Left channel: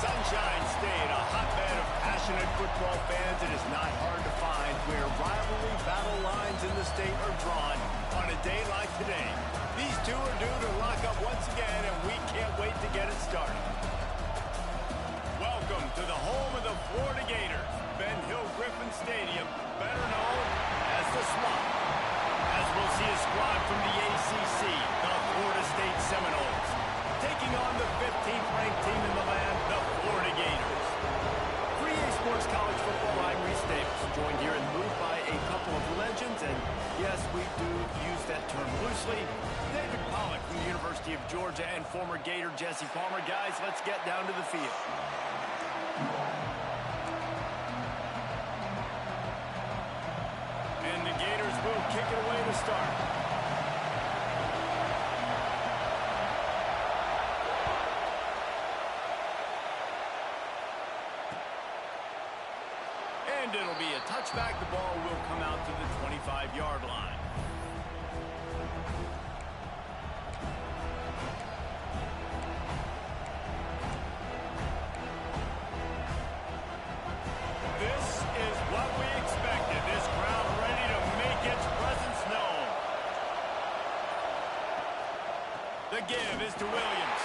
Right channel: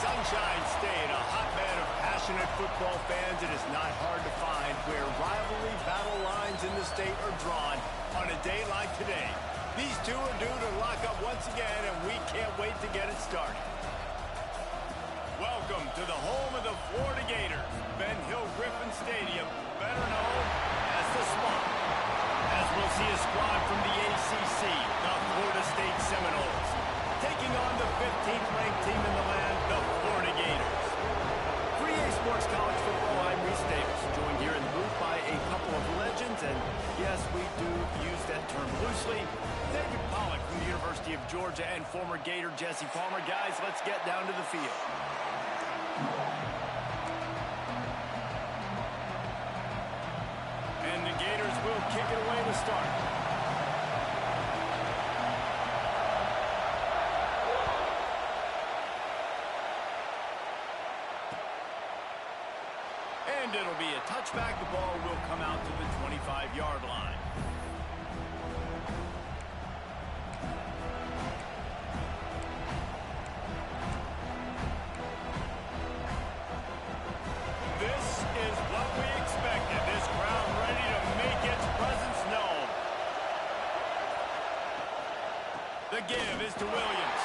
Sunshine State, a hotbed of passionate football fans. It is not hard to find where rivalry battle lines in the state are drawn on a day like today. These two are due to lock up once again, and we can't wait to get it started. Welcome to the home of the Florida Gators, Ben Hill Griffin Stadium, better known as the Swamp. As we'll see a squad from the ACC, the Florida State Seminoles, taking on the 15th ranked team in the land, the Florida Gators. For EA Sports College Football, I'm Reese Davis, joined here in the booth by a couple of legends, and yes, we do use that term loosely. David Pollack from the University of Georgia and former Gator Jesse Palmer. Guys, let's get down to the field. And the Gators will kick it away to start. And it'll be a touchback. The ball will come out to the 25-yard line. This is what we expected. This crowd ready to make its presence known. The give is to Williams.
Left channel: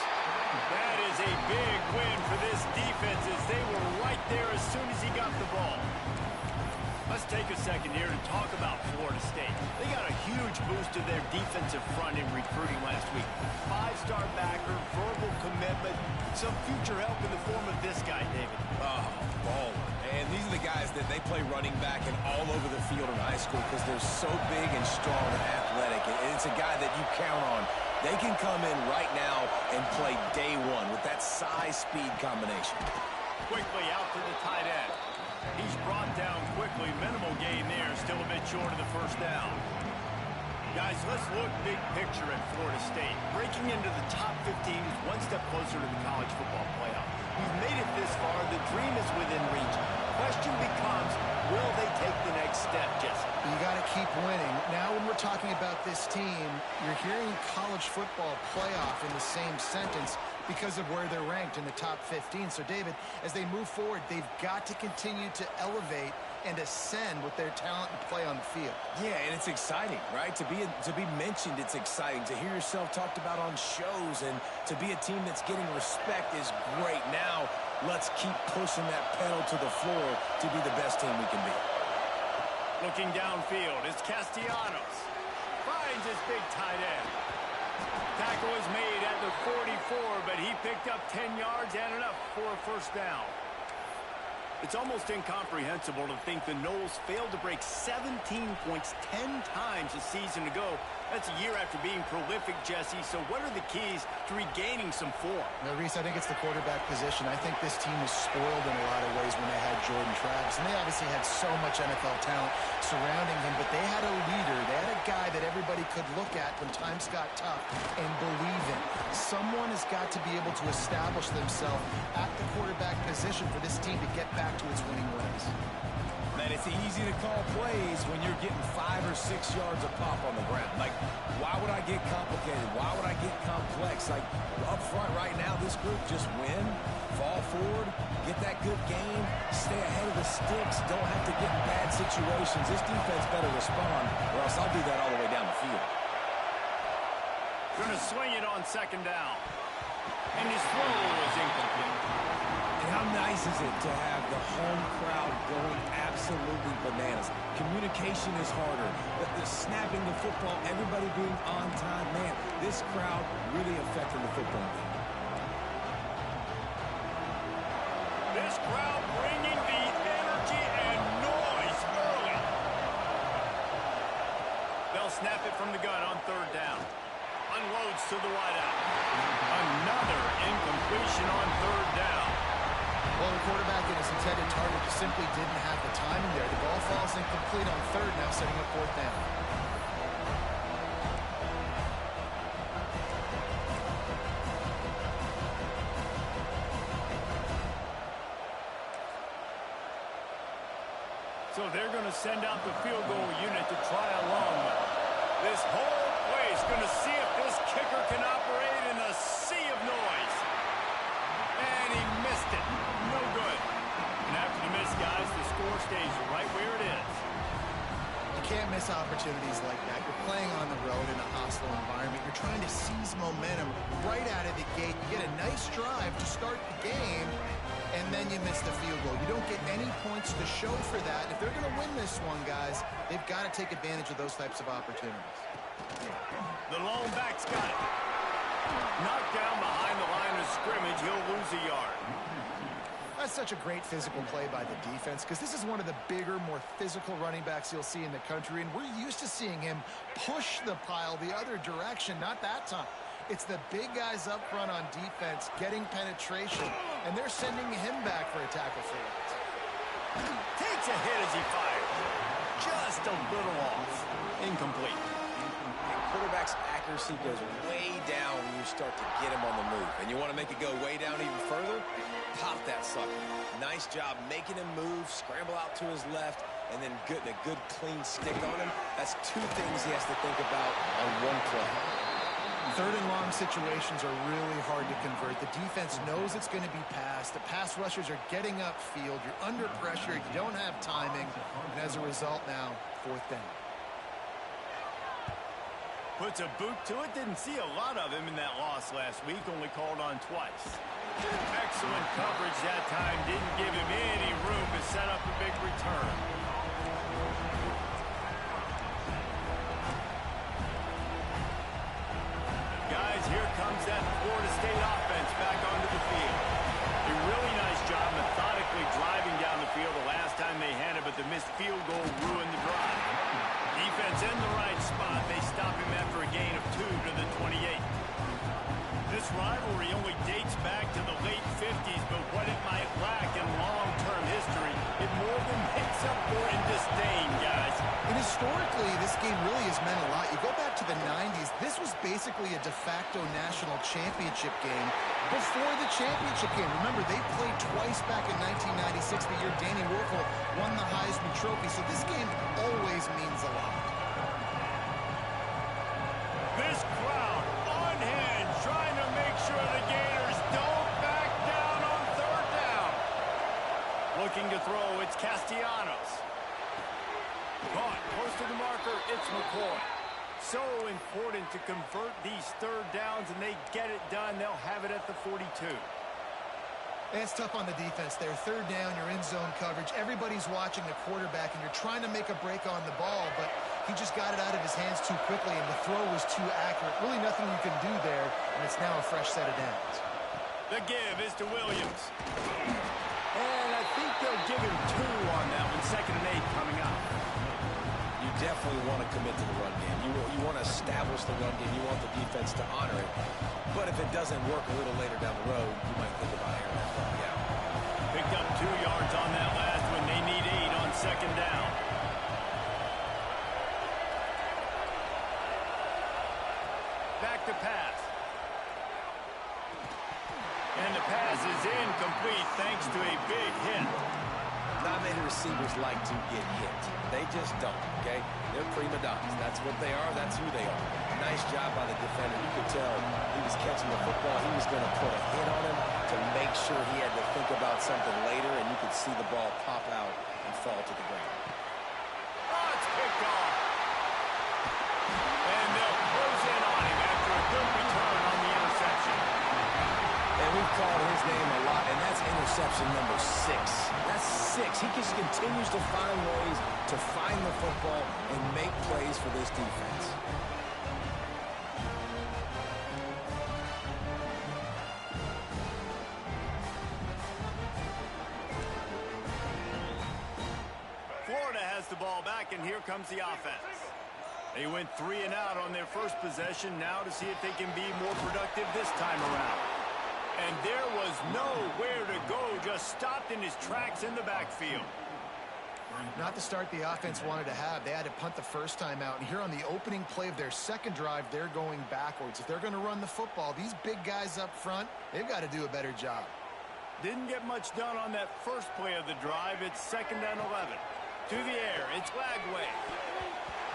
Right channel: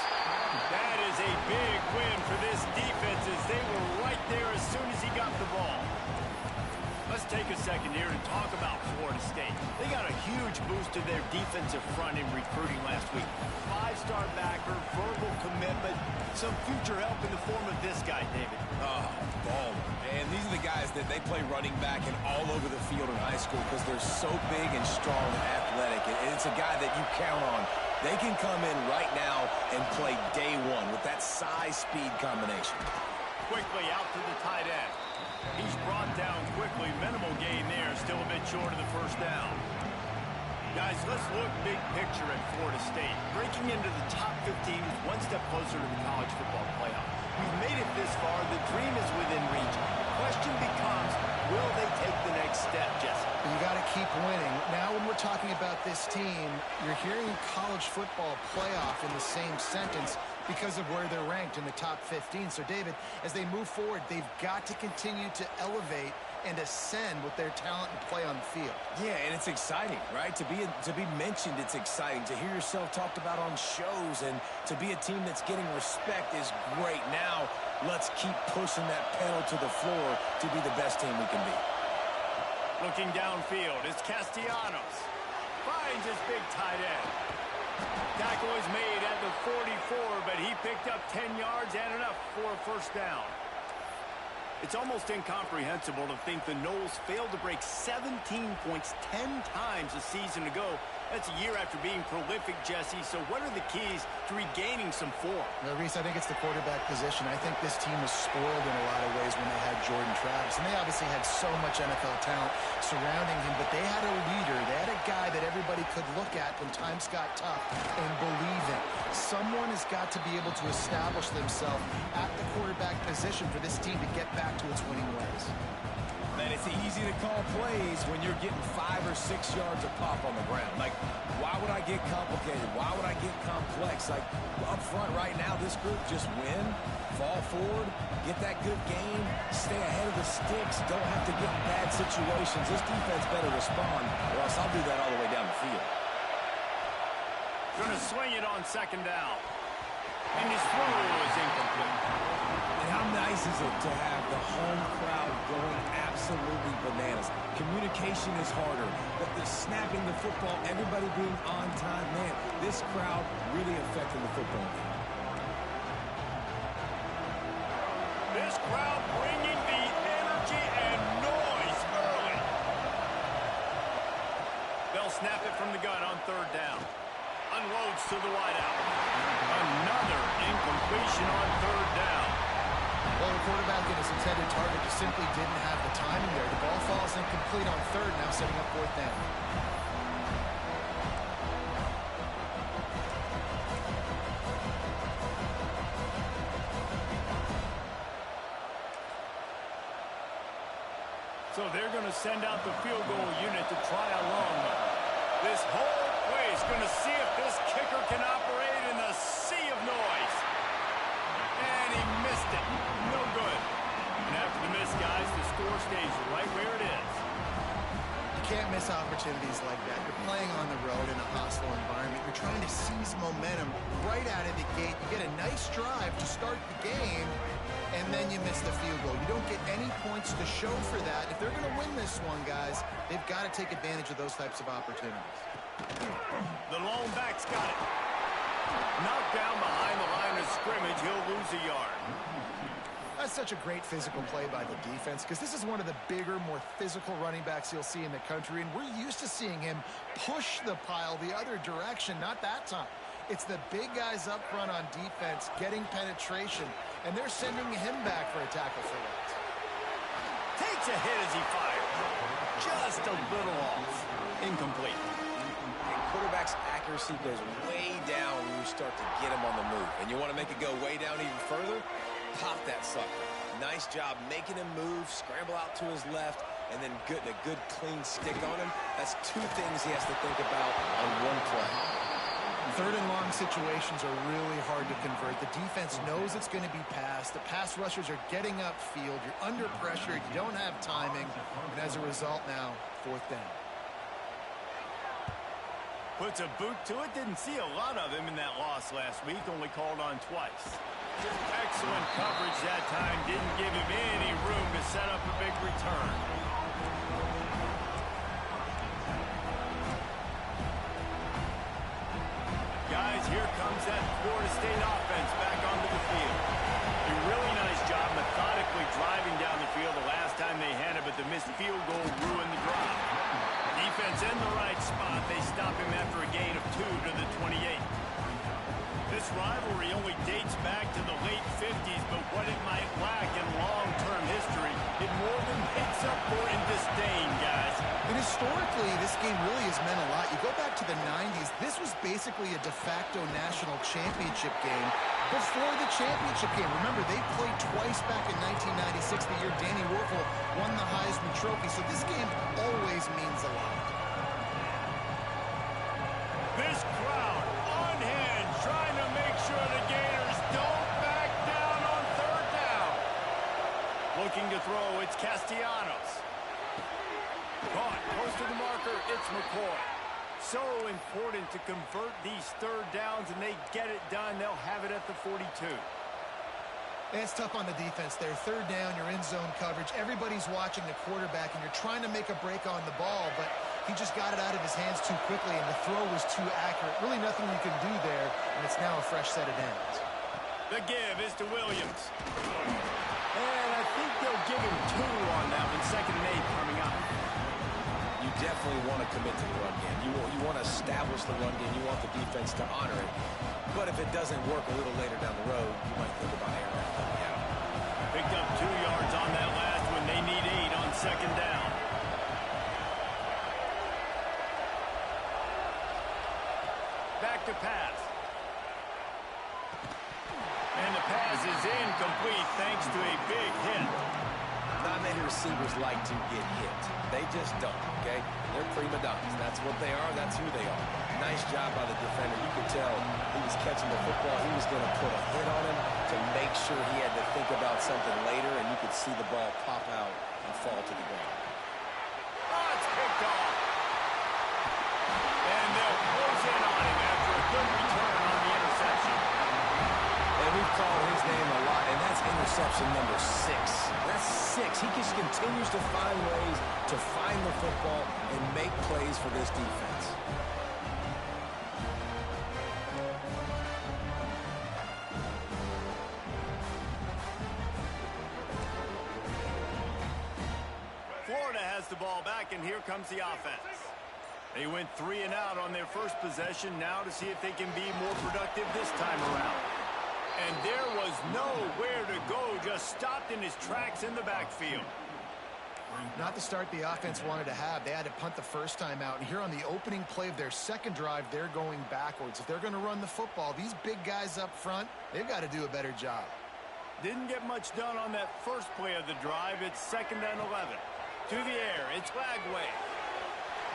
That is a big win for this defense as they were right there as soon as he got the ball. Let's take a second here to talk about Florida State. They got a huge boost to their defensive front in recruiting last week. Five-star backer, verbal commitment, some future help in the form of this guy, David. Oh, baller. And these are the guys that they play running back and all over the field in high school because they're so big and strong and athletic. And it's a guy that you count on. They can come in right now and play day one with that size-speed combination. Quickly out to the tight end. He's brought down quickly. Minimal gain there. Still a bit short of the first down. Guys, let's look big picture at Florida State. Breaking into the top 15 is one step closer to the college football playoff. We've made it this far. The dream is within reach. Question becomes, will they take the next step, Jesse? You got to keep winning. Now when we're talking about this team, you're hearing college football playoff in the same sentence because of where they're ranked in the top 15. So, David, as they move forward, they've got to continue to elevate and ascend with their talent and play on the field. Yeah, and it's exciting, right? To be mentioned, it's exciting. To hear yourself talked about on shows and to be a team that's getting respect is great. Now, let's keep pushing that pedal to the floor to be the best team we can be. Looking downfield, it's Castellanos. Finds his big tight end. Tackle is made at the 44, but he picked up 10 yards and enough for a first down. It's almost incomprehensible to think the Noles failed to break 17 points 10 times a season ago. That's a year after being prolific, Jesse. So what are the keys to regaining some form? Reese, I think it's the quarterback position. I think this team was spoiled in a lot of ways when they had Jordan Travis. And they obviously had so much NFL talent surrounding him, but they had a leader. They had a guy that everybody could look at when times got tough and believe in. Someone has got to be able to establish themselves at the quarterback position for this team to get back to its winning ways. Man, it's easy to call plays when you're getting 5 or 6 yards of pop on the ground. Like, why would I get complicated? Why would I get complex? Like, up front right now, this group just win, fall forward, get that good game, stay ahead of the sticks, don't have to get in bad situations. This defense better respond, or else I'll do that all the way down the field. Going to swing it on second down. And his throw is incomplete. And how nice is it to have the home crowd going absolutely bananas? Communication is harder. The snapping the football, everybody being on time. Man, this crowd really affecting the football game. This crowd bringing the energy and noise early. They'll snap it from the gun on third down. Unloads to the wideout. Another incompletion on third down. Well, the quarterback and his intended target just simply didn't have the timing there. The ball falls incomplete on third, now setting up fourth down. So they're going to send out the field goal unit to try a long one. This whole place going to see if this kicker can operate in the sea of noise. And he missed it. stays right where it is. You can't miss opportunities like that. You're playing on the road in a hostile environment. You're trying to seize momentum right out of the gate. You get a nice drive to start the game, and then you miss the field goal. You don't get any points to show for that. If they're going to win this one, guys, they've got to take advantage of those types of opportunities. The lone back's got it. Knocked down behind the line of scrimmage. He'll lose a yard. That's such a great physical play by the defense because this is one of the bigger, more physical running backs you'll see in the country, and we're used to seeing him push the pile the other direction. Not that time. It's the big guys up front on defense getting penetration, and they're sending him back for a tackle for loss. Takes a hit as he fires. Just a little off. Incomplete. And quarterback's accuracy goes way down when you start to get him on the move. And you want to make it go way down even further? Pop that sucker. Nice job making him move, scramble out to his left, and then getting a good clean stick on him. That's two things he has to think about on one play. Third and long situations are really hard to convert. The defense knows it's going to be passed. The pass rushers are getting upfield. You're under pressure. You don't have timing. And as a result now, fourth down. Puts a boot to it. Didn't see a lot of him in that loss last week. Only called on twice. Excellent coverage that time. Didn't give him any room to set up a big return. Guys, here comes that Florida State offense back onto the field. A really nice job methodically driving down the field the last time they had it, but the missed field goal ruined the drive. Defense in the right spot. They stop him after a gain of 2 to the 28. This rivalry only dates back to the late 50s, but what it might lack in long-term history, it more than makes up for in disdain, guys. And historically, this game really has meant a lot. You go back to the 90s, this was basically a de facto national championship game before the championship game. Remember, they played twice back in 1996, the year Danny Werfel won the Heisman Trophy, so this game always means a lot. This crowd on hand, trying to make sure the Gators don't back down on third down. Looking to throw, it's Castellanos. Caught close to the marker, it's McCoy. So important to convert these third downs, and they get it done. They'll have it at the 42. It's tough on the defense there. Third down, you're in zone coverage. Everybody's watching the quarterback, and you're trying to make a break on the ball, but he just got it out of his hands too quickly, and the throw was too accurate. Really nothing you can do there, and it's now a fresh set of downs. The give is to Williams. And I think they'll give him 2 on that one. 2nd and 8 coming up. You definitely want to commit to the run game. You want to establish the run game. You want the defense to honor it. But if it doesn't work a little later down the road, you might think about airing that puppy out. Picked up 2 yards on that last one. They need 8 on 2nd down. Back to pass. And the pass is incomplete thanks to a big hit. Not many receivers like to get hit. They just don't, okay? They're prima donnas. That's what they are. That's who they are. Nice job by the defender. You could tell he was catching the football. He was going to put a hit on him to make sure he had to think about something later, and you could see the ball pop out and fall to the ground. Oh, it's picked off. And they'll close in on him after a good return on the interception. And we've called his name a lot, and that's interception number 6. That's 6. He just continues to find ways to find the football and make plays for this defense. Florida has the ball back, and here comes the offense. They went 3 and out on their first possession, now to see if they can be more productive this time around. And there was nowhere to go, just stopped in his tracks in the backfield. Not the start the offense wanted to have. They had to punt the first time out. And here on the opening play of their second drive, they're going backwards. If they're going to run the football, these big guys up front, they've got to do a better job. Didn't get much done on that first play of the drive. It's 2nd and 11. To the air, it's Lagway.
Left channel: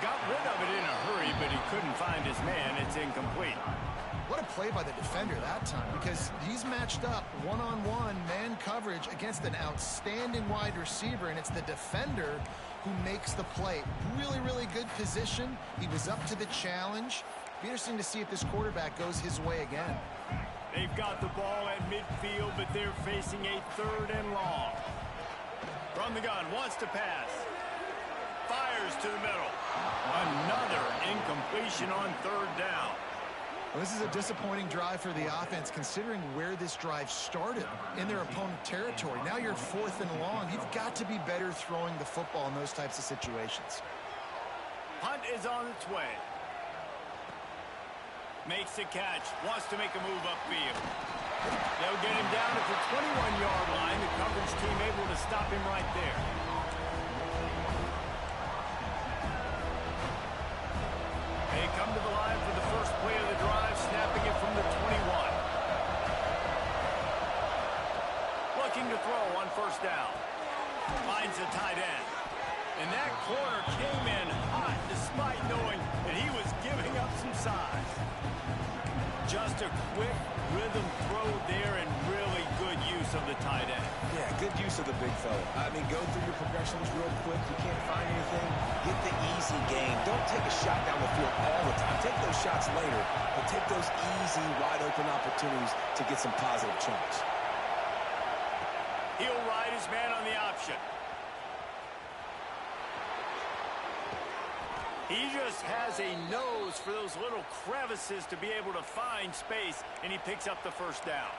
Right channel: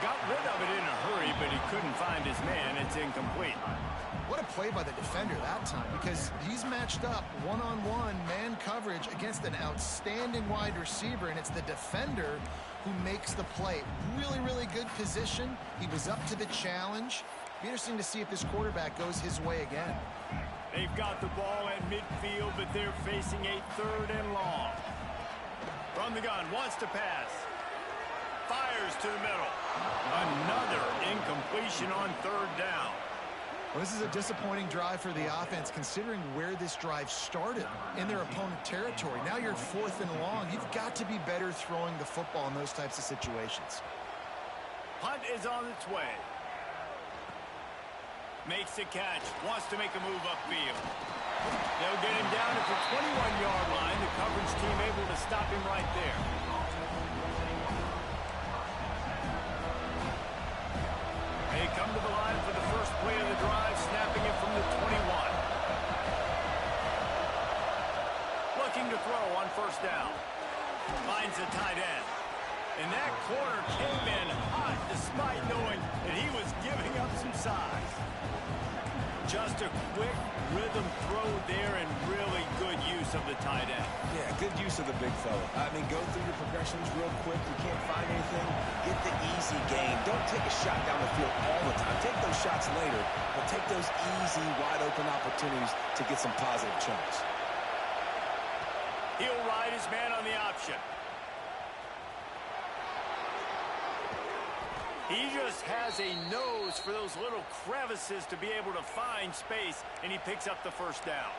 Got rid of it in a hurry, but he couldn't find his man. It's incomplete. What a play by the defender that time, because he's matched up one-on-one man coverage against an outstanding wide receiver, and it's the defender who makes the play. Really, really good position. He was up to the challenge. Be interesting to see if this quarterback goes his way again. They've got the ball at midfield, but they're facing a 3rd and long. From the gun, wants to pass. Fires to the middle. Another incompletion on 3rd down. Well, this is a disappointing drive for the offense, considering where this drive started in their opponent territory. Now you're 4th and long. You've got to be better throwing the football in those types of situations. Punt is on its way. Makes the catch. Wants to make a move upfield. They'll get him down at the 21-yard line. The coverage team able to stop him right there. They come to the line for the first play of the drive, snapping it from the 21. Looking to throw on 1st down. Finds the tight end. And that corner came in hot despite knowing that he was giving up some size. Just a quick rhythm throw there and really good use of the tight end. Yeah, good use of the big fella. I mean, go through your progressions real quick. You can't find anything. Get the easy gain. Don't take a shot down the field all the time. Take those shots later, but take those easy, wide-open opportunities to get some positive chunks. He'll ride his man on the option. He just has a nose for those little crevices to be able to find space, and he picks up the 1st down.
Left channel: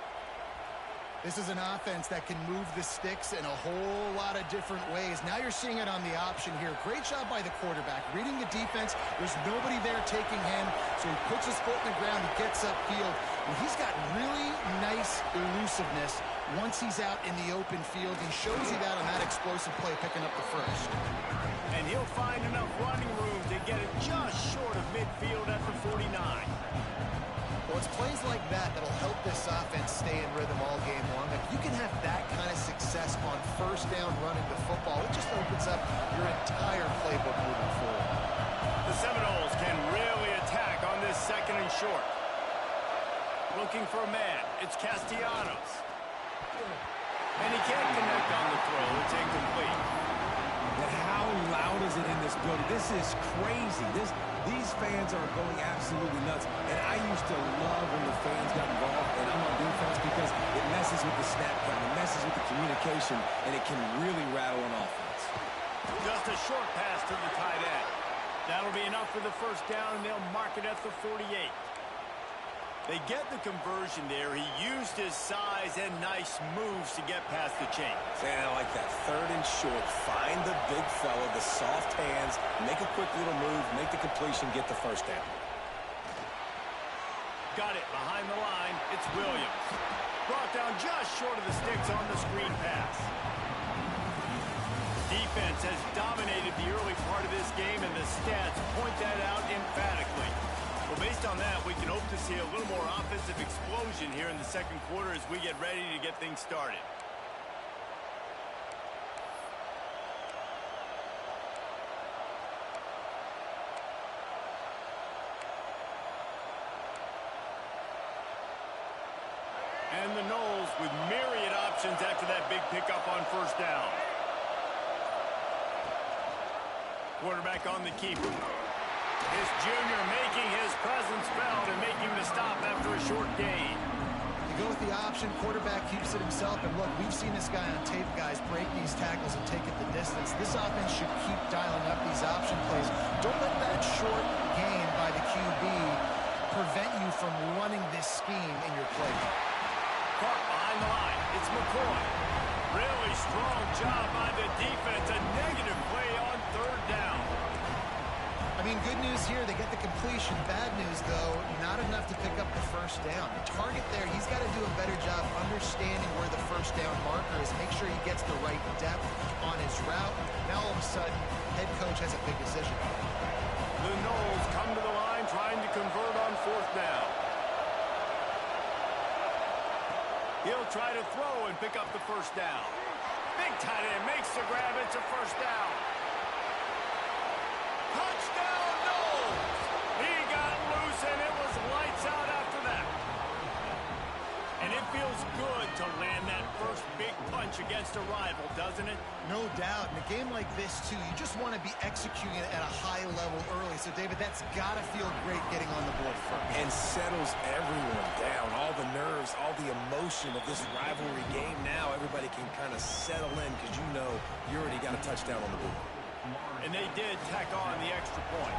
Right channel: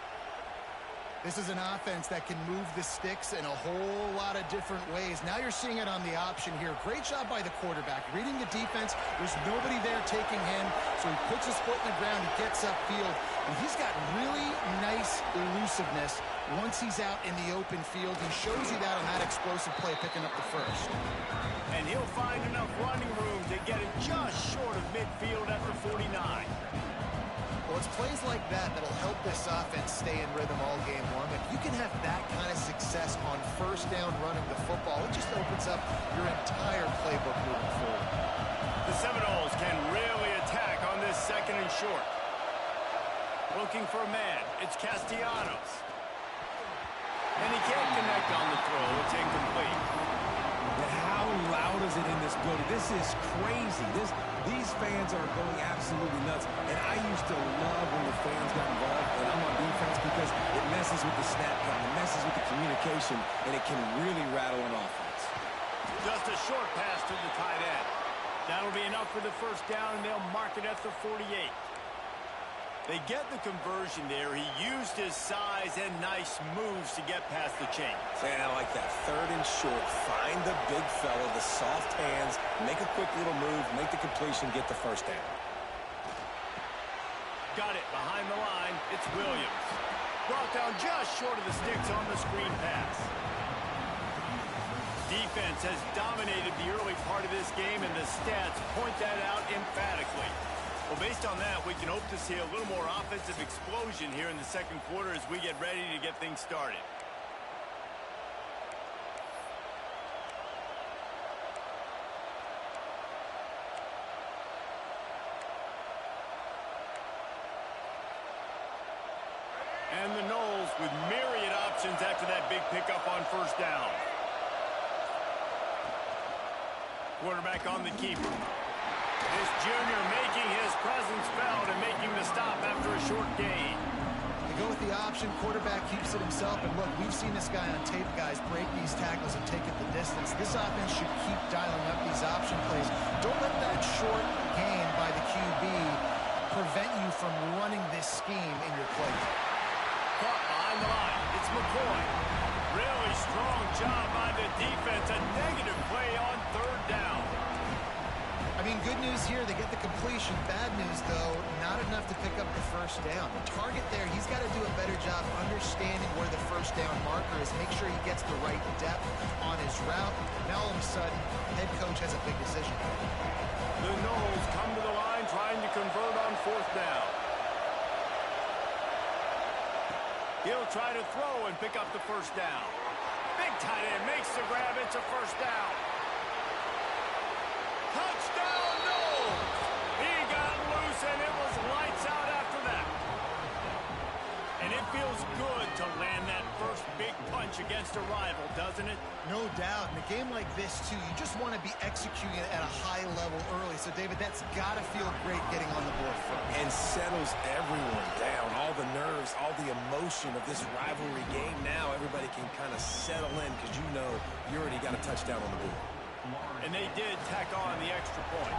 This is an offense that can move the sticks in a whole lot of different ways. Now you're seeing it on the option here. Great job by the quarterback. Reading the defense, there's nobody there taking him, so he puts his foot in the ground, he gets upfield, and he's got really nice elusiveness once he's out in the open field. He shows you that on that explosive play, picking up the 1st. And he'll find enough running room to get it just short of midfield at the 49. Well, it's plays like that that'll help this offense stay in rhythm all game long. If you can have that kind of success on 1st down running the football, it just opens up your entire playbook moving forward. The Seminoles can really attack on this 2nd and short. Looking for a man. It's Castellanos. And he can't connect on the throw. It's incomplete. But how loud is it in this building? This is crazy. These fans are going absolutely nuts. And I used to love when the fans got involved, and I'm on defense, because it messes with the snap count, it messes with the communication, and it can really rattle an offense. Just a short pass to the tight end. That'll be enough for the 1st down, and they'll mark it at the 48. They get the conversion there. He used his size and nice moves to get past the chains. And I like that. 3rd and short. Find the big fella, the soft hands, make a quick little move, make the completion, get the 1st down. Got it behind the line. It's Williams. Brought down just short of the sticks on the screen pass. Defense has dominated the early part of this game, and the stats point that out emphatically. Well, based on that, we can hope to see a little more offensive explosion here in the 2nd quarter as we get ready to get things started. And the Noles with myriad options after that big pickup on 1st down. Quarterback on the keeper. This junior making his presence felt and making the stop after a short gain. They go with the option. Quarterback keeps it himself. And look, we've seen this guy on tape, guys, break these tackles and take it the distance. This offense should keep dialing up these option plays. Don't let that short gain by the QB prevent you from running this scheme in your play. Caught behind the line. It's McCoy. Really strong job by the defense. A negative play on 3rd down. I mean, good news here, they get the completion. Bad news, though, not enough to pick up the 1st down. The target there, he's got to do a better job understanding where the 1st down marker is, make sure he gets the right depth on his route. Now, all of a sudden, head coach has a big decision. The Noles come to the line trying to convert on 4th down. He'll try to throw and pick up the 1st down. Big tight end makes the grab. It's a 1st down. Touchdown, no! He got loose, and it was lights out after that. And it feels good to land that first big punch against a rival, doesn't it? No doubt. In a game like this, too, you just want to be executing it at a high level early. So, David, that's got to feel great getting on the board first. And settles everyone down. All the nerves, all the emotion of this rivalry game. Now everybody can kind of settle in because you know you already got a touchdown on the board. And they did tack on the extra point.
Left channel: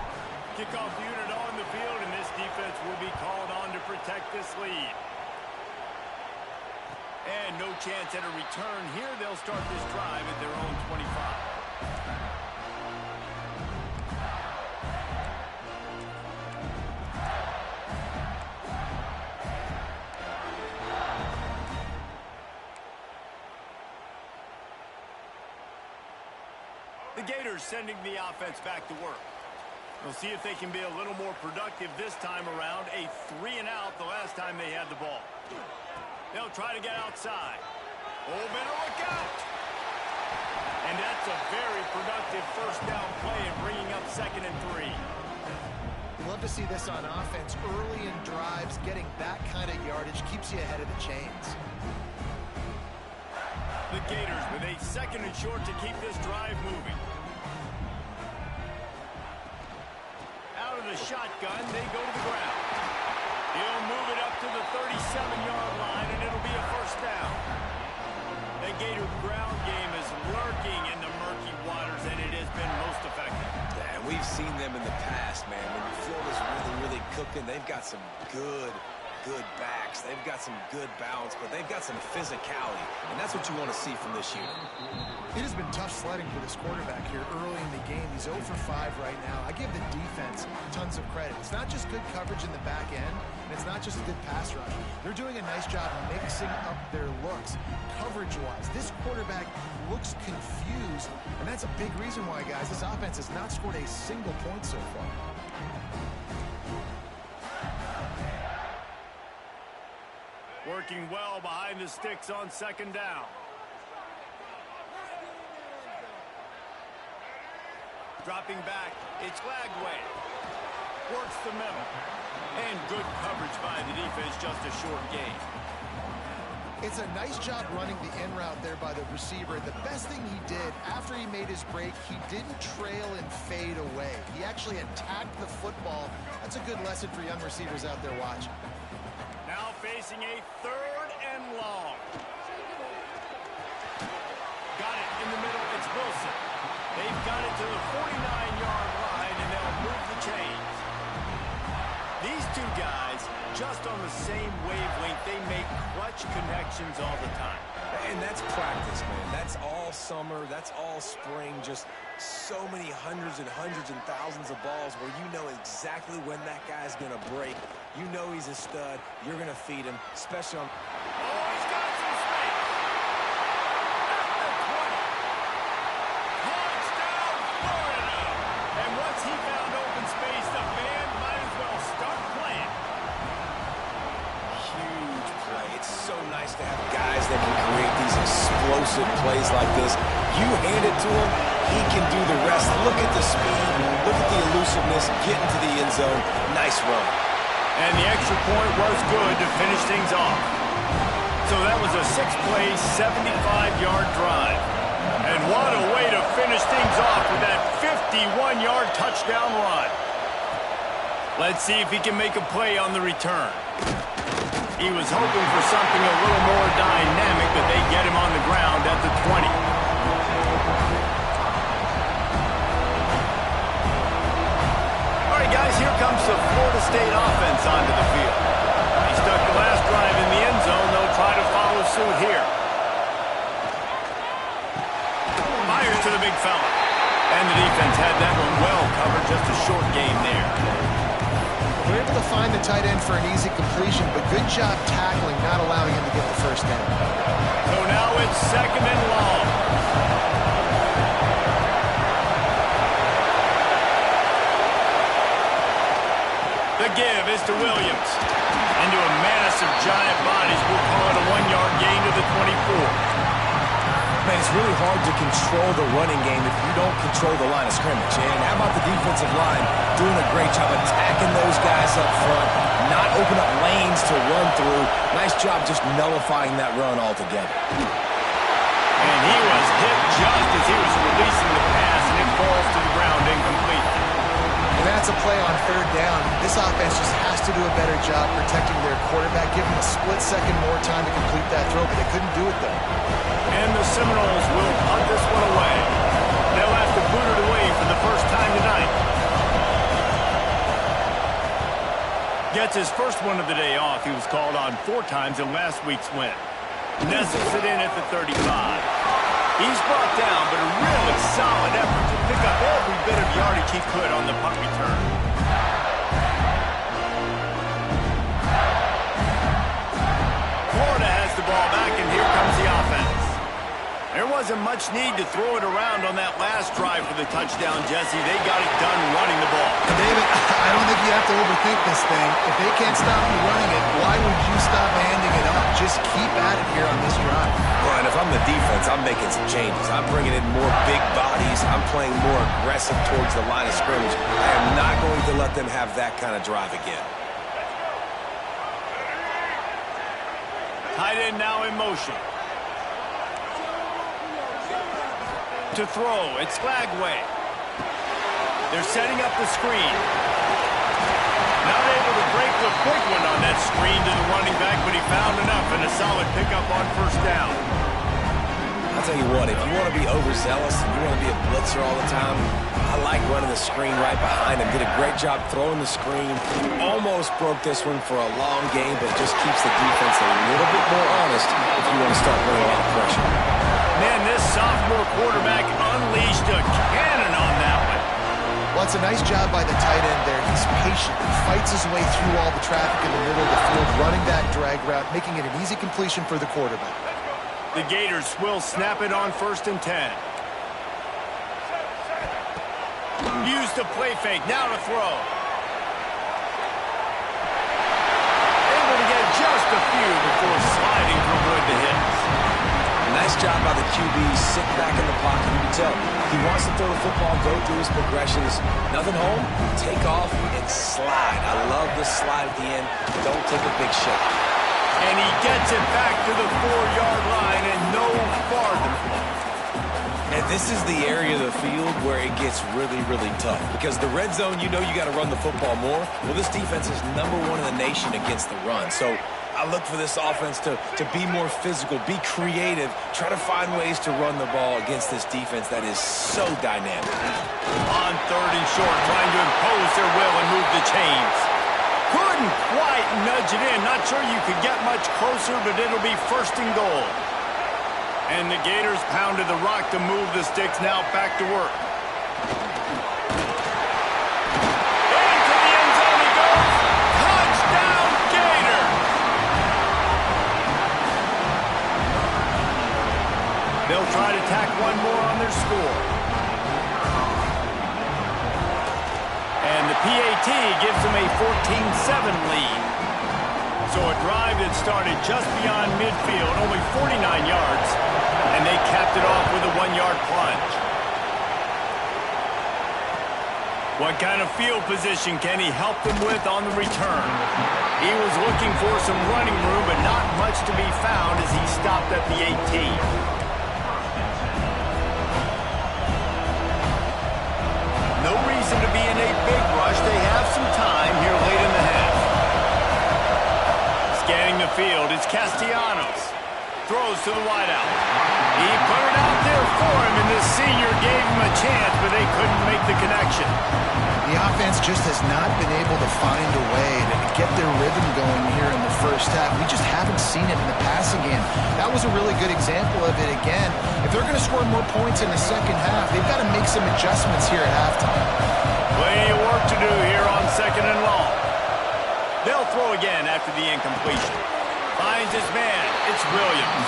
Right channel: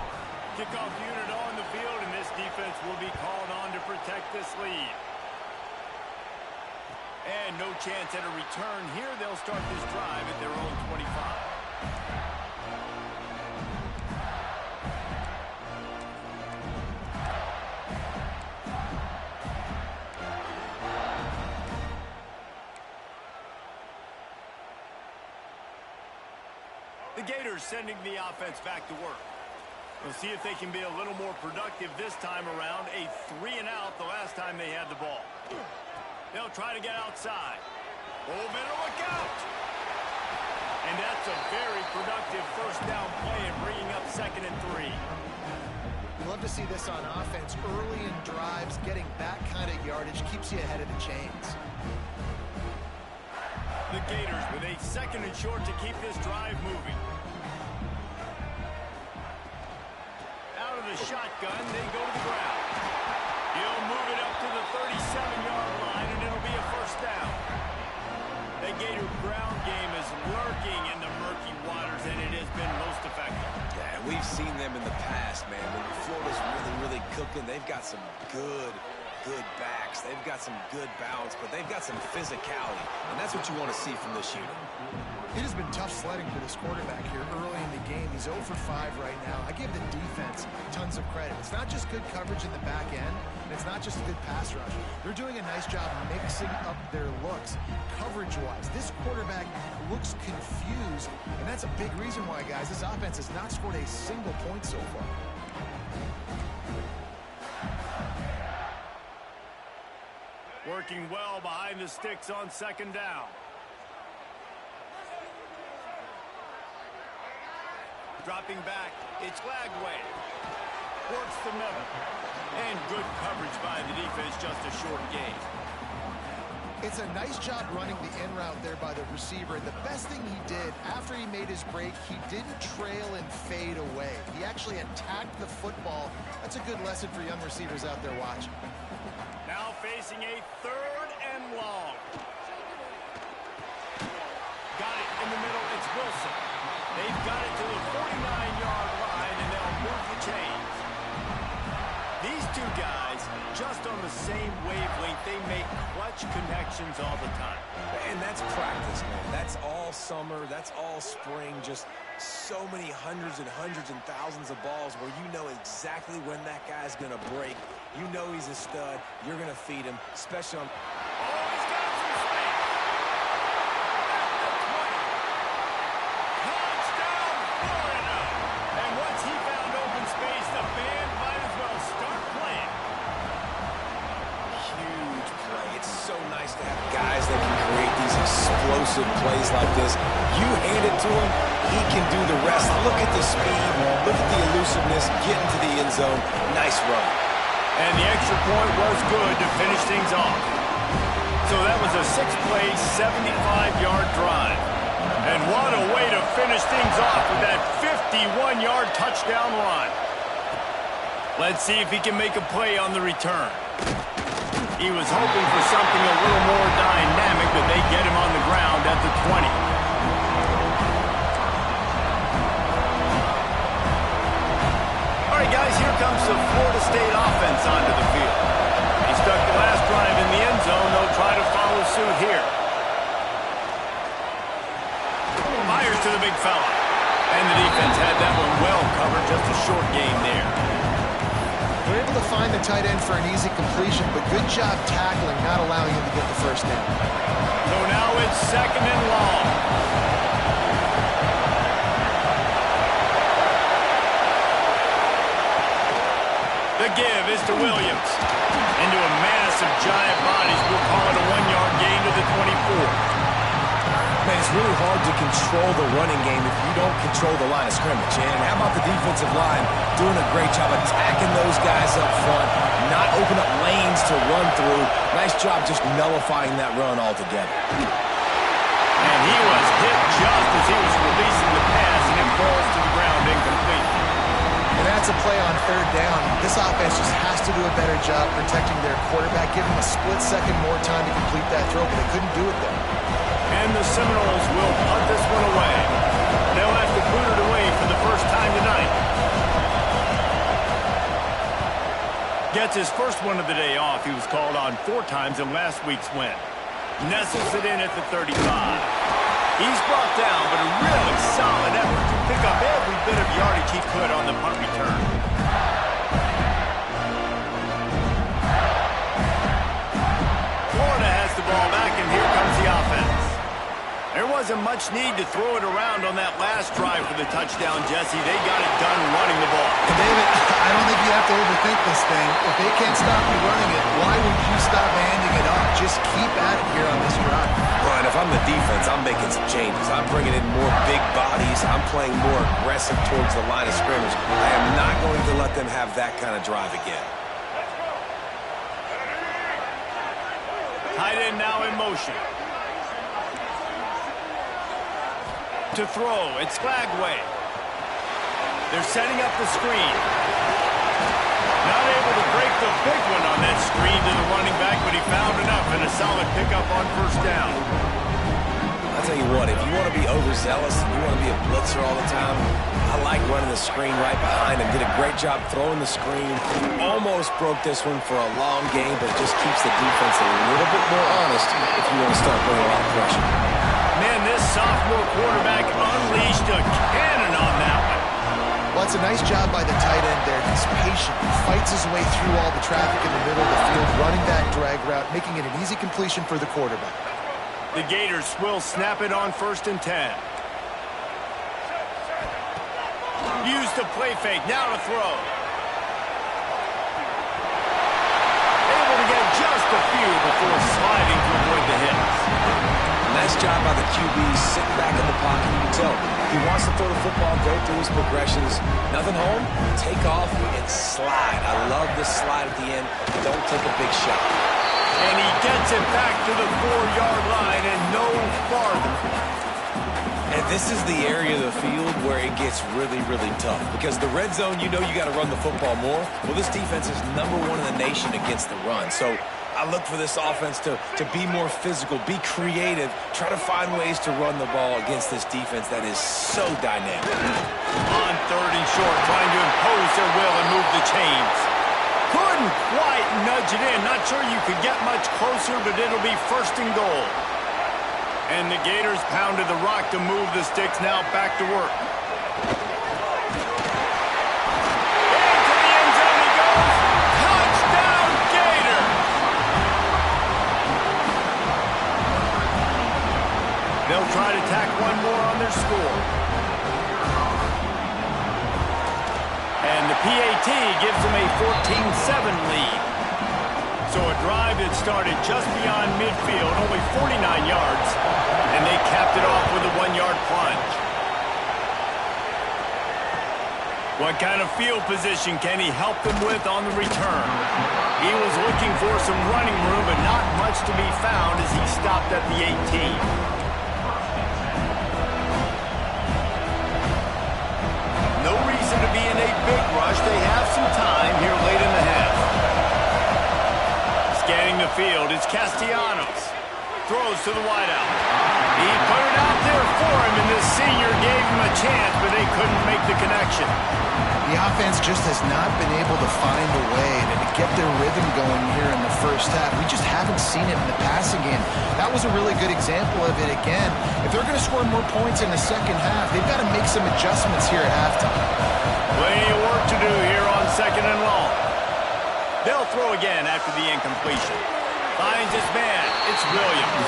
Kickoff unit on the field, and this defense will be called on to protect this lead. And no chance at a return here. They'll start this drive at their own 25. The Gators sending the offense back to work. We'll see if they can be a little more productive this time around. A 3-and-out the last time they had the ball. They'll try to get outside. Oh, better look out. And that's a very productive first down play and bringing up 2nd and 3. You love to see this on offense. Early in drives, getting that kind of yardage keeps you ahead of the chains. The Gators with a 2nd and short to keep this drive moving. Out of the shotgun, they go to the ground. He'll move it up to the 37-yard line, and it'll be a first down. The Gator ground game is lurking in the murky waters, and it has been most effective. Yeah, we've seen them in the past, man. When Florida's really cooking, they've got some good backs. They've got some good balance, but they've got some physicality, and that's what you want to see from this unit. It has been tough sledding for this quarterback here early in the game. He's 0 for 5 right now. I give the defense tons of credit. It's not just good coverage in the back end, and it's not just a good pass rush. They're doing a nice job mixing up their looks coverage-wise. This quarterback looks confused, and that's a big reason why, guys, this offense has not scored a single point so far. Working well behind the sticks on 2nd down. Dropping back, it's Lagway. Works the middle. And good coverage by the defense, just a short gain. It's a nice job running the in route there by the receiver. And the best thing he did after he made his break, he didn't trail and fade away. He actually attacked the football. That's a good lesson for young receivers out there watching. Now facing a 3rd and long. Got it in the middle. It's Wilson. They've got it to the 49-yard line, and they'll move the chains. These two guys, just on the same wavelength, they make clutch connections all the time. And that's practice, man. That's all summer. That's all spring. Just so many hundreds and thousands of balls where you know exactly when that guy's going to break. You know he's a stud. You're going to feed him, especially on... Oh, he's got some space. At the 20. Touchdown, Florida. And once he found open space, the band might as well start playing. Huge play. It's so nice to have guys that can create these explosive plays like this. You hand it to him, he can do the rest. Look at the speed. Look at the elusiveness. Getting to the end zone. Nice run. And the extra point was good to finish things off. So that was a 6-play, 75-yard drive. And what a way to finish things off with that 51-yard touchdown run. Let's see if he can make a play on the return. He was hoping for something a little more dynamic, but they get him on the ground at the 20. All right, guys, here comes the Florida State offense onto the field. He stuck the last drive in the end zone. They'll try to follow suit here. Fires to the big fella. And the defense had that one well covered. Just a short game there. They're able to find the tight end for an easy completion, but good job tackling, not allowing him to get the first down. So now it's 2nd and long. The give is to Williams. Into a mass of giant bodies. We'll call it a 1-yard gain to the 24. Man, it's really hard to control the running game if you don't control the line of scrimmage. And how about the defensive line doing a great job attacking those guys up front, not open up lanes to run through. Nice job just nullifying that run altogether. And he was hit just as he was releasing the pass, and it falls to the ground incomplete. And that's a play on third down. This offense just has to do a better job protecting their quarterback, give him a split second more time to complete that throw, but they couldn't do it there. And the Seminoles will punt this one away. They'll have to boot it away for the first time tonight. Gets his first one of the day off. He was called on 4 times in last week's win. Nestles it in at the 35. He's brought down, but a really solid effort to pick up every bit of yardage he could on the punt return. Florida has the ball back, and here comes the offense. There wasn't much need to throw it around on that last drive for the touchdown, Jesse. They got it done running the ball. And David, I don't think you have to overthink this thing. If they can't stop you running it, why would you stop handing it off? Just keep at it here on this drive. Well, and if I'm the defense, I'm making some changes. I'm bringing in more big bodies. I'm playing more aggressive towards the line of scrimmage. I am not going to let them have that kind of drive again. Tight end now in motion. To throw, it's Flagway. They're setting up the screen. Not able to break the big one on that screen to the running back, but he found enough and a solid pickup on first down. I'll tell you what, if you want to be overzealous and you want to be a blitzer all the time, I like running the screen right behind him. Did a great job throwing the screen. Almost broke this one for a long game, but it just keeps the defense a little bit more honest if you want to start putting a lot of pressure. Man, this sophomore quarterback unleashed a cannon on that one. Well, it's a nice job by the tight end there. He's patient. He fights his way through all the traffic in the middle of the field, running that drag route, making it an easy completion for the quarterback. The Gators will snap it on 1st and 10. Used to play fake, now to throw. Able to get just a few before sliding to avoid the hits. Nice job by the QB, sitting back in the pocket. You can tell he wants to throw the football, go through his progressions. Nothing home, take off, and slide. I love the slide at the end. Don't take a big shot. And he gets it back to the 4-yard line and no farther. And this is the area of the field where it gets really, really tough. Because the red zone, you know you got to run the football more. Well, this defense is #1 in the nation against the run. So I look for this offense to be more physical, be creative, try to find ways to run the ball against this defense that is so dynamic. On 3rd and short, trying to impose their will and move the chains. Couldn't quite nudge it in. Not sure you could get much closer, but it'll be 1st and goal. And the Gators pounded the rock to move the sticks. Now back to work. Into the end zone he goes. Touchdown, Gator! They'll try to tack one more on their score. And the PAT gives them a 14-7 lead. So a drive that started just beyond midfield, only 49 yards, and they capped it off with a 1-yard plunge. What kind of field position can he help them with on the return? He was looking for some running room, but not much to be found as he stopped at the 18. No reason to be in a big rush. They have some time here late in the half. Scanning the field, it's Castellanos. Throws to the wideout. He put it out there for him, and this senior gave him a chance, but they couldn't make the connection. The offense just has not been able to find a way to get their rhythm going here in the first half. We just haven't seen it in the passing game. That was a really good example of it again. If they're going to score more points in the second half, they've got to make some adjustments here at halftime. Plenty of work to do here on 2nd and long. They'll throw again after the incompletion. Finds his man. It's Williams.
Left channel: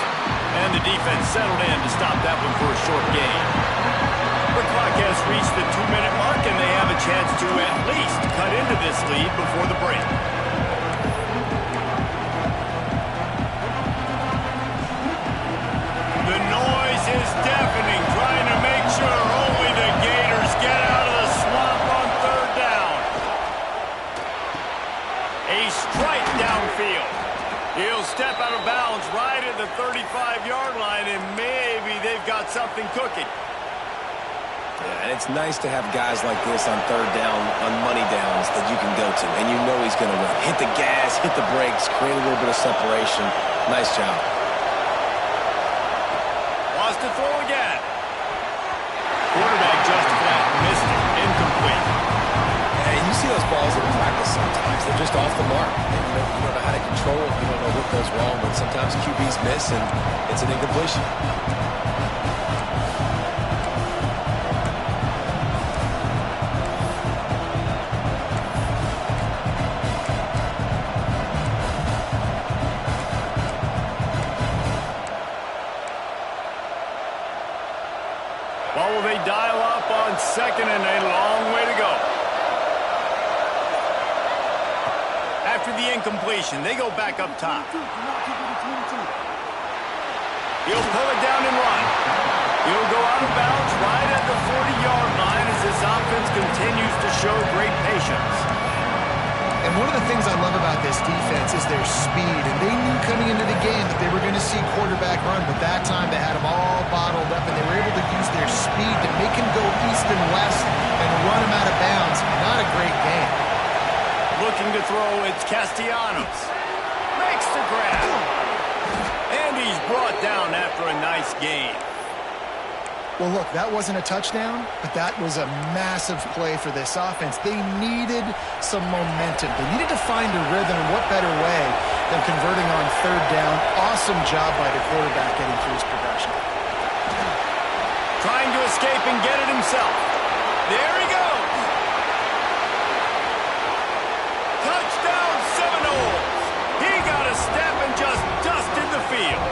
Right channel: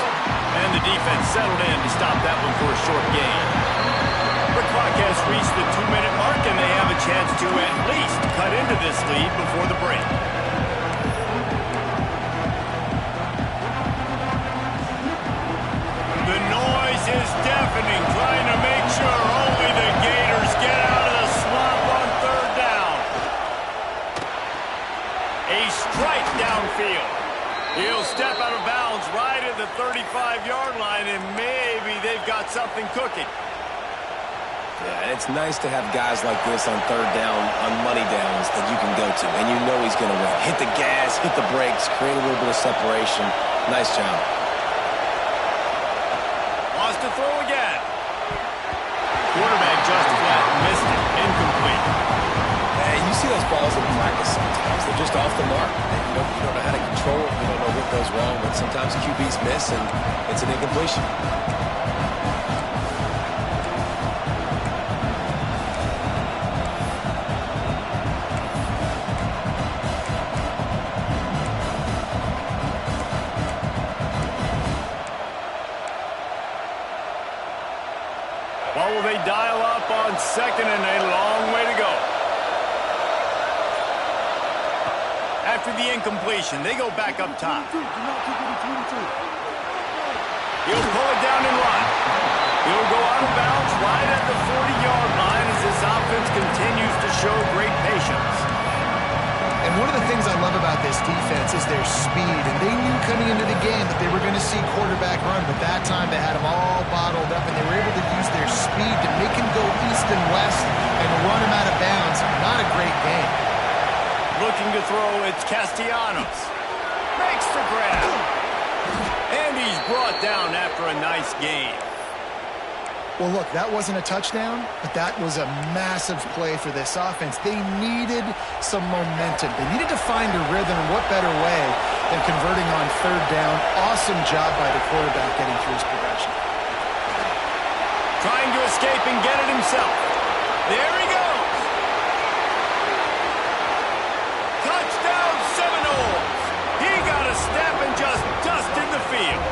And the defense settled in to stop that one for a short gain. The clock has reached the 2-minute mark, and they have a chance to at least cut into this lead before the break. The noise is downfield. He'll step out of bounds right at the 35-yard line, and maybe they've got something cooking. Yeah, and it's nice to have guys like this on third down, on money downs that you can go to, and you know he's going to win. Hit the gas, hit the brakes, create a little bit of separation. Nice job. Wants to throw again. Quarterback just flat missed it. Incomplete. And you see those balls in practice sometimes. They're just off the mark. And you don't know how to control it. You don't know what goes wrong, but sometimes QBs miss, and it's an incompletion. What will they dial up on second and a long way to go? After the incompletion, they go back up top. He'll pull it down and run. He'll go out of bounds right at the 40-yard line as this offense continues to show great patience. And one of the things I love about this defense is their speed. And they knew coming into the game that they were going to see quarterback run, but that time they had him all bottled up, and they were able to use their speed to make him go east and west and run him out of bounds. Not a great game. Looking to throw, it's Castellanos. Makes the grab. And he's brought down after a nice game. Well, look, that wasn't a touchdown, but that was a massive play for this offense. They needed some momentum. They needed to find a rhythm, and what better way than converting on third down. Awesome job by the quarterback getting through his progression. Trying to escape and get it himself. There he goes. Touchdown Seminoles. He got a step and just dusted the field.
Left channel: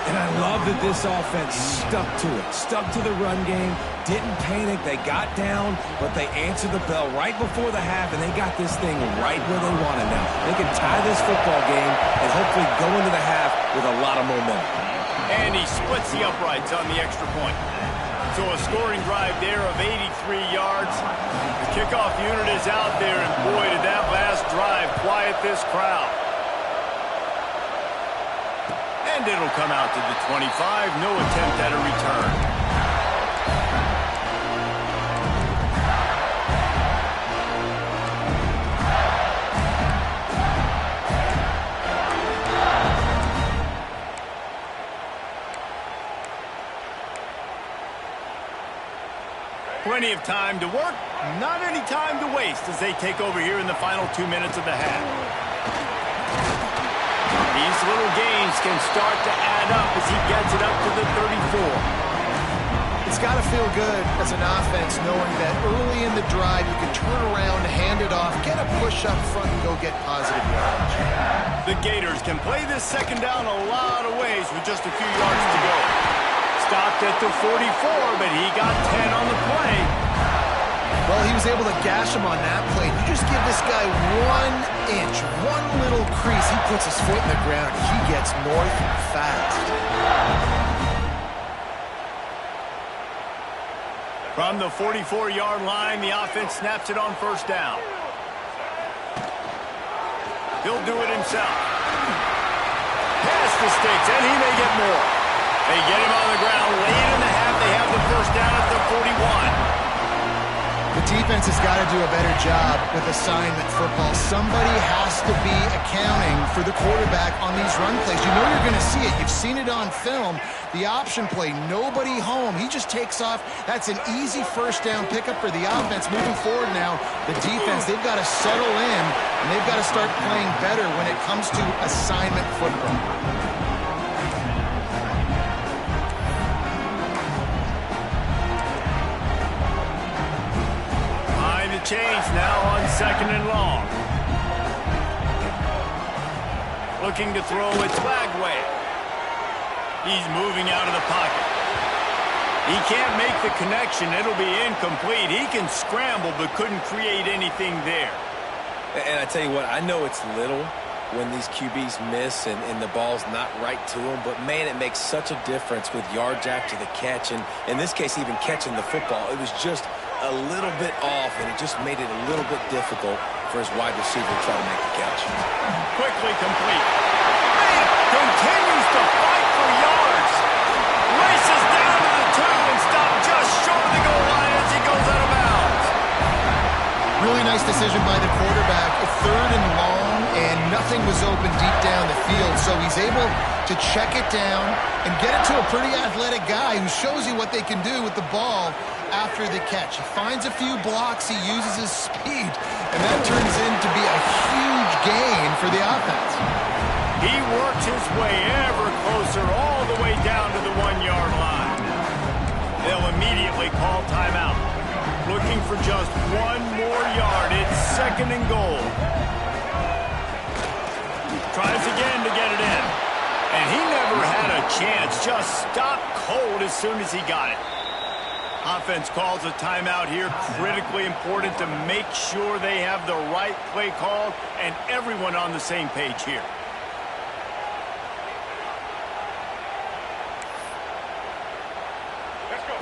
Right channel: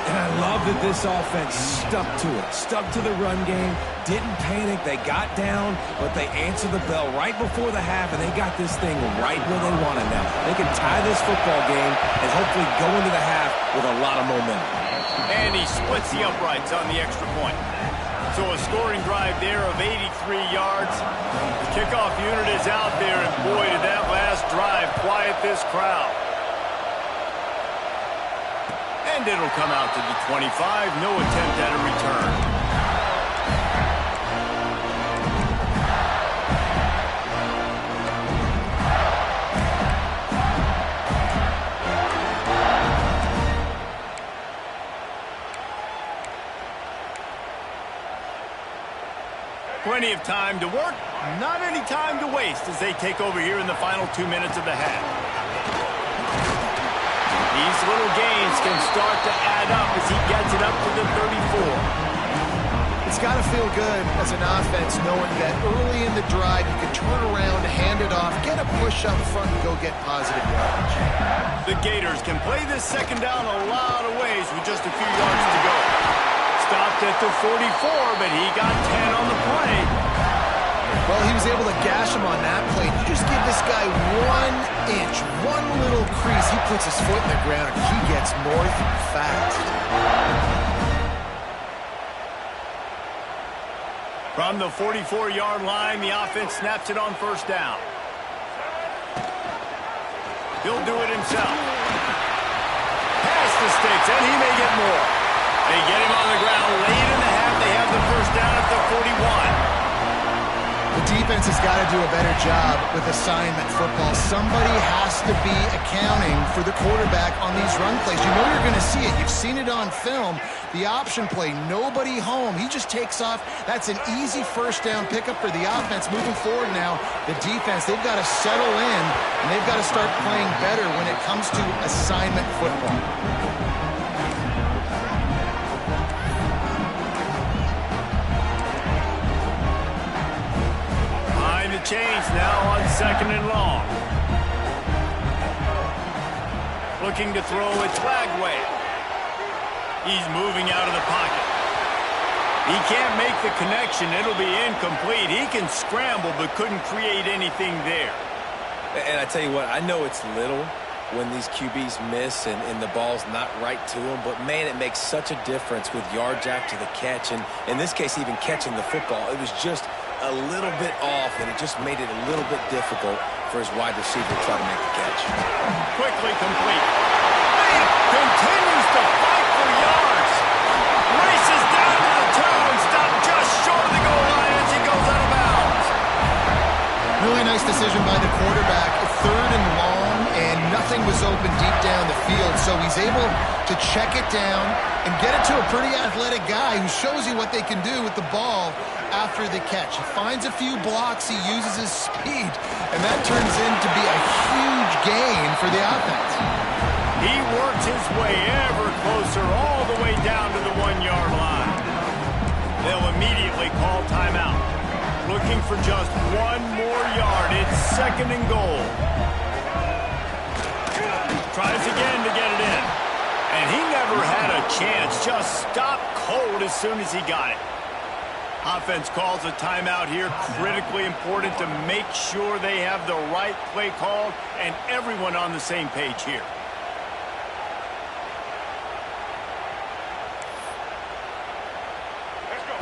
And I love that this offense stuck to it, stuck to the run game, didn't panic. They got down, but they answered the bell right before the half, and they got this thing right where they want it now. They can tie this football game and hopefully go into the half with a lot of momentum. And he splits the uprights on the extra point. So a scoring drive there of 83 yards. The kickoff unit is out there, and boy, did that last drive quiet this crowd. And it'll come out to the 25. No attempt at a return. Plenty of time to work, not any time to waste as they take over here in the final 2 minutes of the half. These little gains can start to add up as he gets it up to the 34. It's got to feel good as an offense knowing that early in the drive you can turn around, hand it off, get a push up front, and go get positive yardage. The Gators can play this second down a lot of ways with just a few yards to go. Stopped at the 44, but he got 10 on the play. Well, he was able to gash him on that play. You just give this guy 1 inch, one little crease. He puts his foot in the ground, and he gets north fast. From the 44-yard line, the offense snaps it on first down. He'll do it himself. Past the sticks, and he may get more. They get him on the ground late in the half. They have the first down at the 41. The defense has got to do a better job with assignment football. Somebody has to be accounting for the quarterback on these run plays. You know you're going to see it. You've seen it on film. The option play, nobody home. He just takes off. That's an easy first down pickup for the offense. Moving forward now, the defense, they've got to settle in, and they've got to start playing better when it comes to assignment football. The change now on second and long. Looking to throw, it's Lagway. He's moving out of the pocket. He can't make the connection. It'll be incomplete. He can scramble but couldn't create anything there. And I tell you what, I know it's little when these QBs miss and the ball's not right to them, but man, it makes such a difference with yards after the catch, and in this case even catching the football. It was just a little bit off, and it just made it a little bit difficult for his wide receiver to try to make the catch. Quickly complete. Man, continues to fight for yards. Races down to the 2 and stopped just short of the goal line as he goes out of bounds. Really nice decision by the quarterback. 3rd and long, and nothing was open deep down the field. So he's able to check it down and get it to a pretty athletic guy who shows you what they can do with the ball after the catch. He finds a few blocks, he uses his speed, and that turns into be a huge gain for the offense. He works his way ever closer all the way down to the 1-yard line. They'll immediately call timeout. Looking for just 1 more yard. It's 2nd and goal. Tries again to get it in. And he never had a chance. Just stopped cold as soon as he got it. Offense calls a timeout here. Critically important to make sure they have the right play called and everyone on the same page here.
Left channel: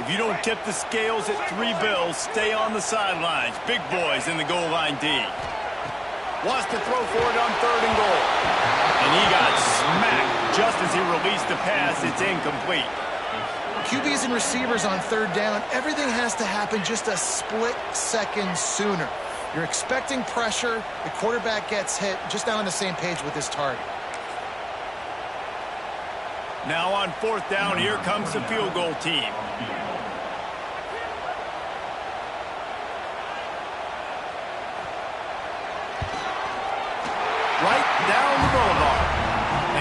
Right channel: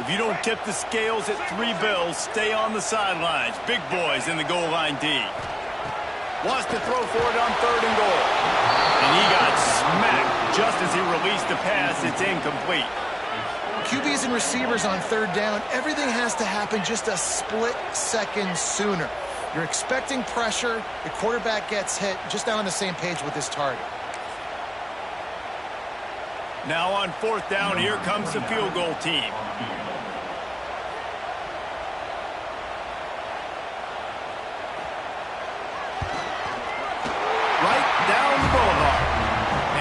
If you don't tip the scales at 3 bills, stay on the sidelines. Big boys in the goal line D. Wants to throw for it on 3rd and goal. And he got smacked just as he released the pass. It's incomplete. QBs and receivers on 3rd down, everything has to happen just a split second sooner. You're expecting pressure. The quarterback gets hit. Just not on the same page with his target. Now on 4th down, here comes the field goal team. Right down the boulevard.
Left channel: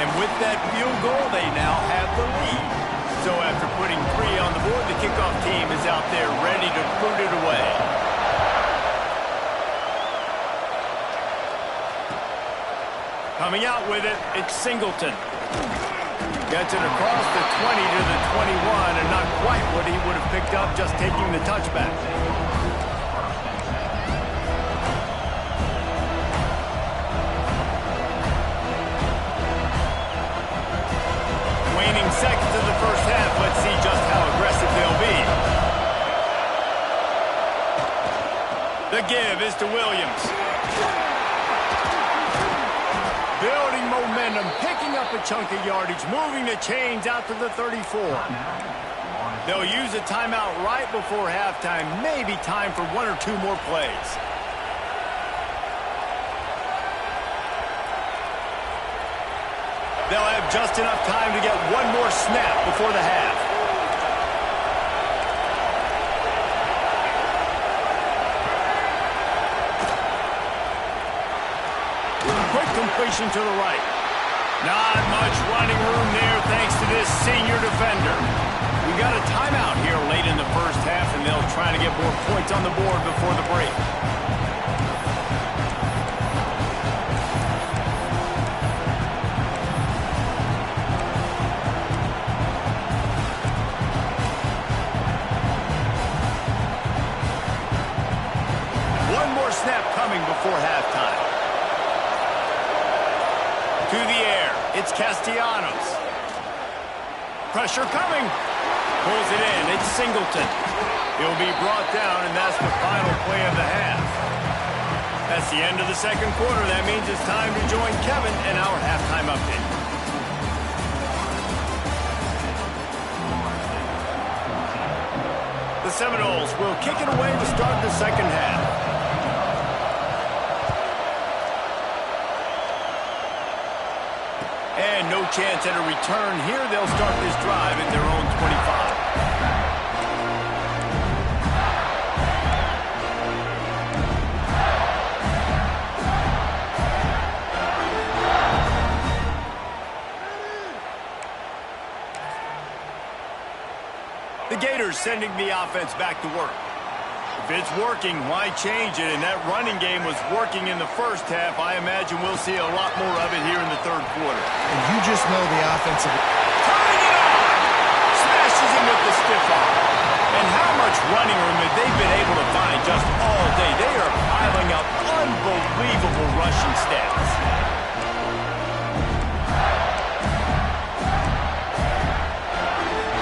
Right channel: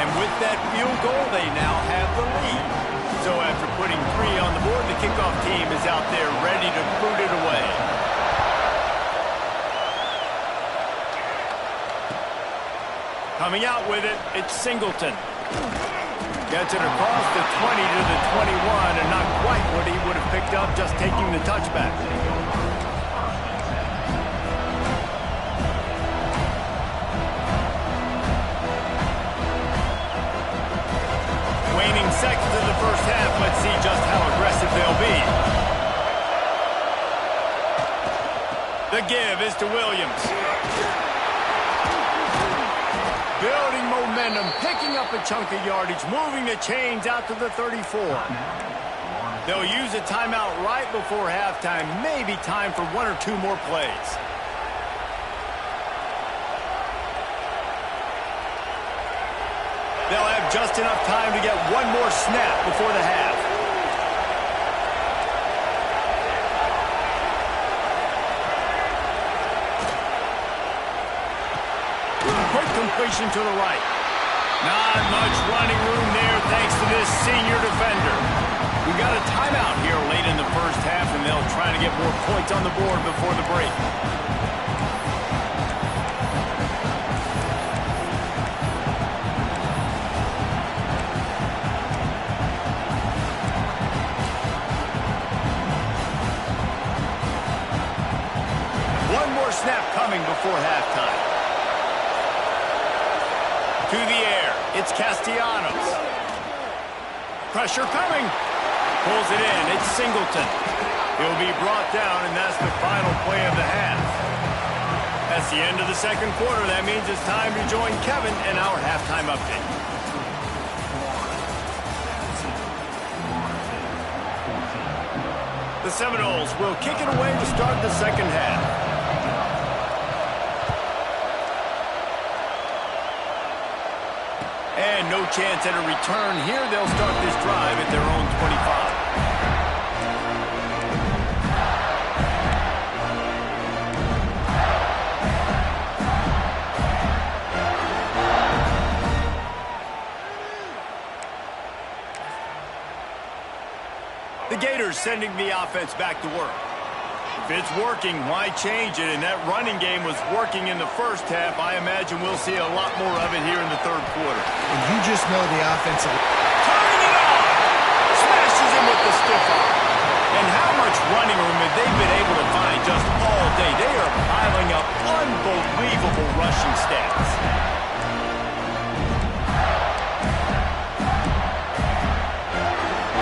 And with that field goal, they now have the lead. So after putting 3 on the board, the kickoff team is out there ready to boot it away. Coming out with it, it's Singleton. Gets it across the 20 to the 21, and not quite what he would have picked up just taking the touchback. Waning seconds of the first half. Let's see just how aggressive they'll be. The give is to Williams. Building momentum, picking up a chunk of yardage, moving the chains out to the 34. They'll use a timeout right before halftime. Maybe time for 1 or 2 more plays. They'll have just enough time to get 1 more snap before the half. Quick completion to the right. Not much running room there thanks to this senior defender. We got a timeout here late in the first half, and they'll try to get more points on the board before the break. One more snap coming before halftime. To the air, it's Castellanos. Pressure coming. Pulls it in, it's Singleton. He'll be brought down, and that's the final play of the half. That's the end of the second quarter. That means it's time to join Kevin in our halftime update. The Seminoles will kick it away to start the second half. And no chance at a return here. They'll start this drive at their own 25. The Gators sending the offense back to work. If it's working, why change it? And that running game was working in the first half. I imagine we'll see a lot more of it here in the third quarter. And you just know the offensive... Turning it on! Smashes him with the stiff arm. And how much running room have they been able to find just all day? They are piling up unbelievable rushing stats.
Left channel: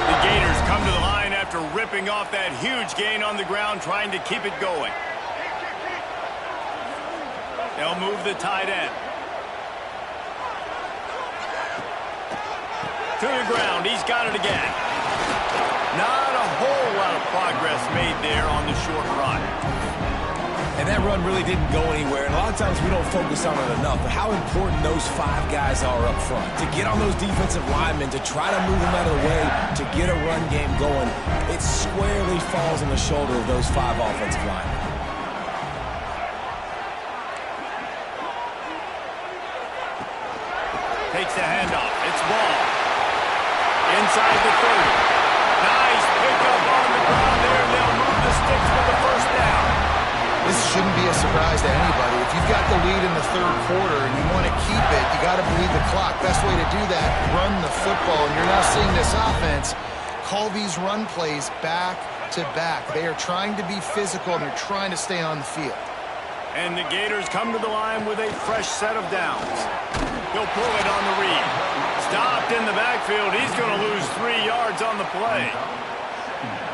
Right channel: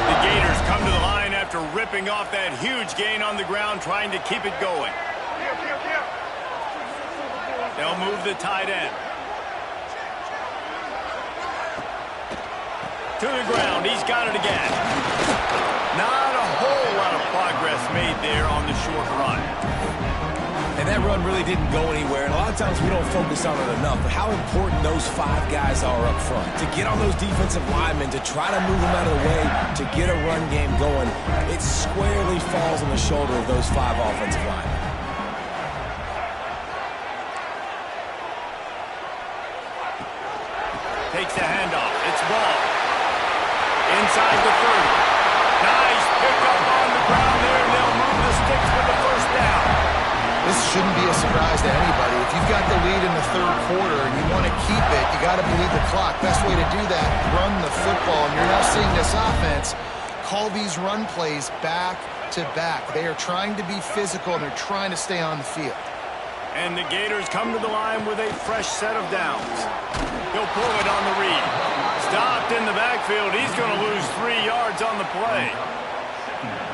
The Gators come to the line after ripping off that huge gain on the ground, trying to keep it going. They'll move the tight end. To the ground. He's got it again. Not a whole lot of progress made there on the short run. And that run really didn't go anywhere. And a lot of times we don't focus on it enough. But how important those 5 guys are up front. To get on those defensive linemen, to try to move them out of the way, to get a run game going, it squarely falls on the shoulder of those 5 offensive linemen. Takes the handoff. It's ball. Inside the 30. Nice pickup on the ground there. They'll move the sticks for the first down. This shouldn't be a surprise to anybody. If you've got the lead in the third quarter and you want to keep it, you got to bleed the clock. Best way to do that, run the football. And you're now seeing this offense call these run plays back to back. They are trying to be physical, and they're trying to stay on the field. And the Gators come to the line with a fresh set of downs. He'll pull it on the read. Stopped in the backfield. He's going to lose 3 yards on the play.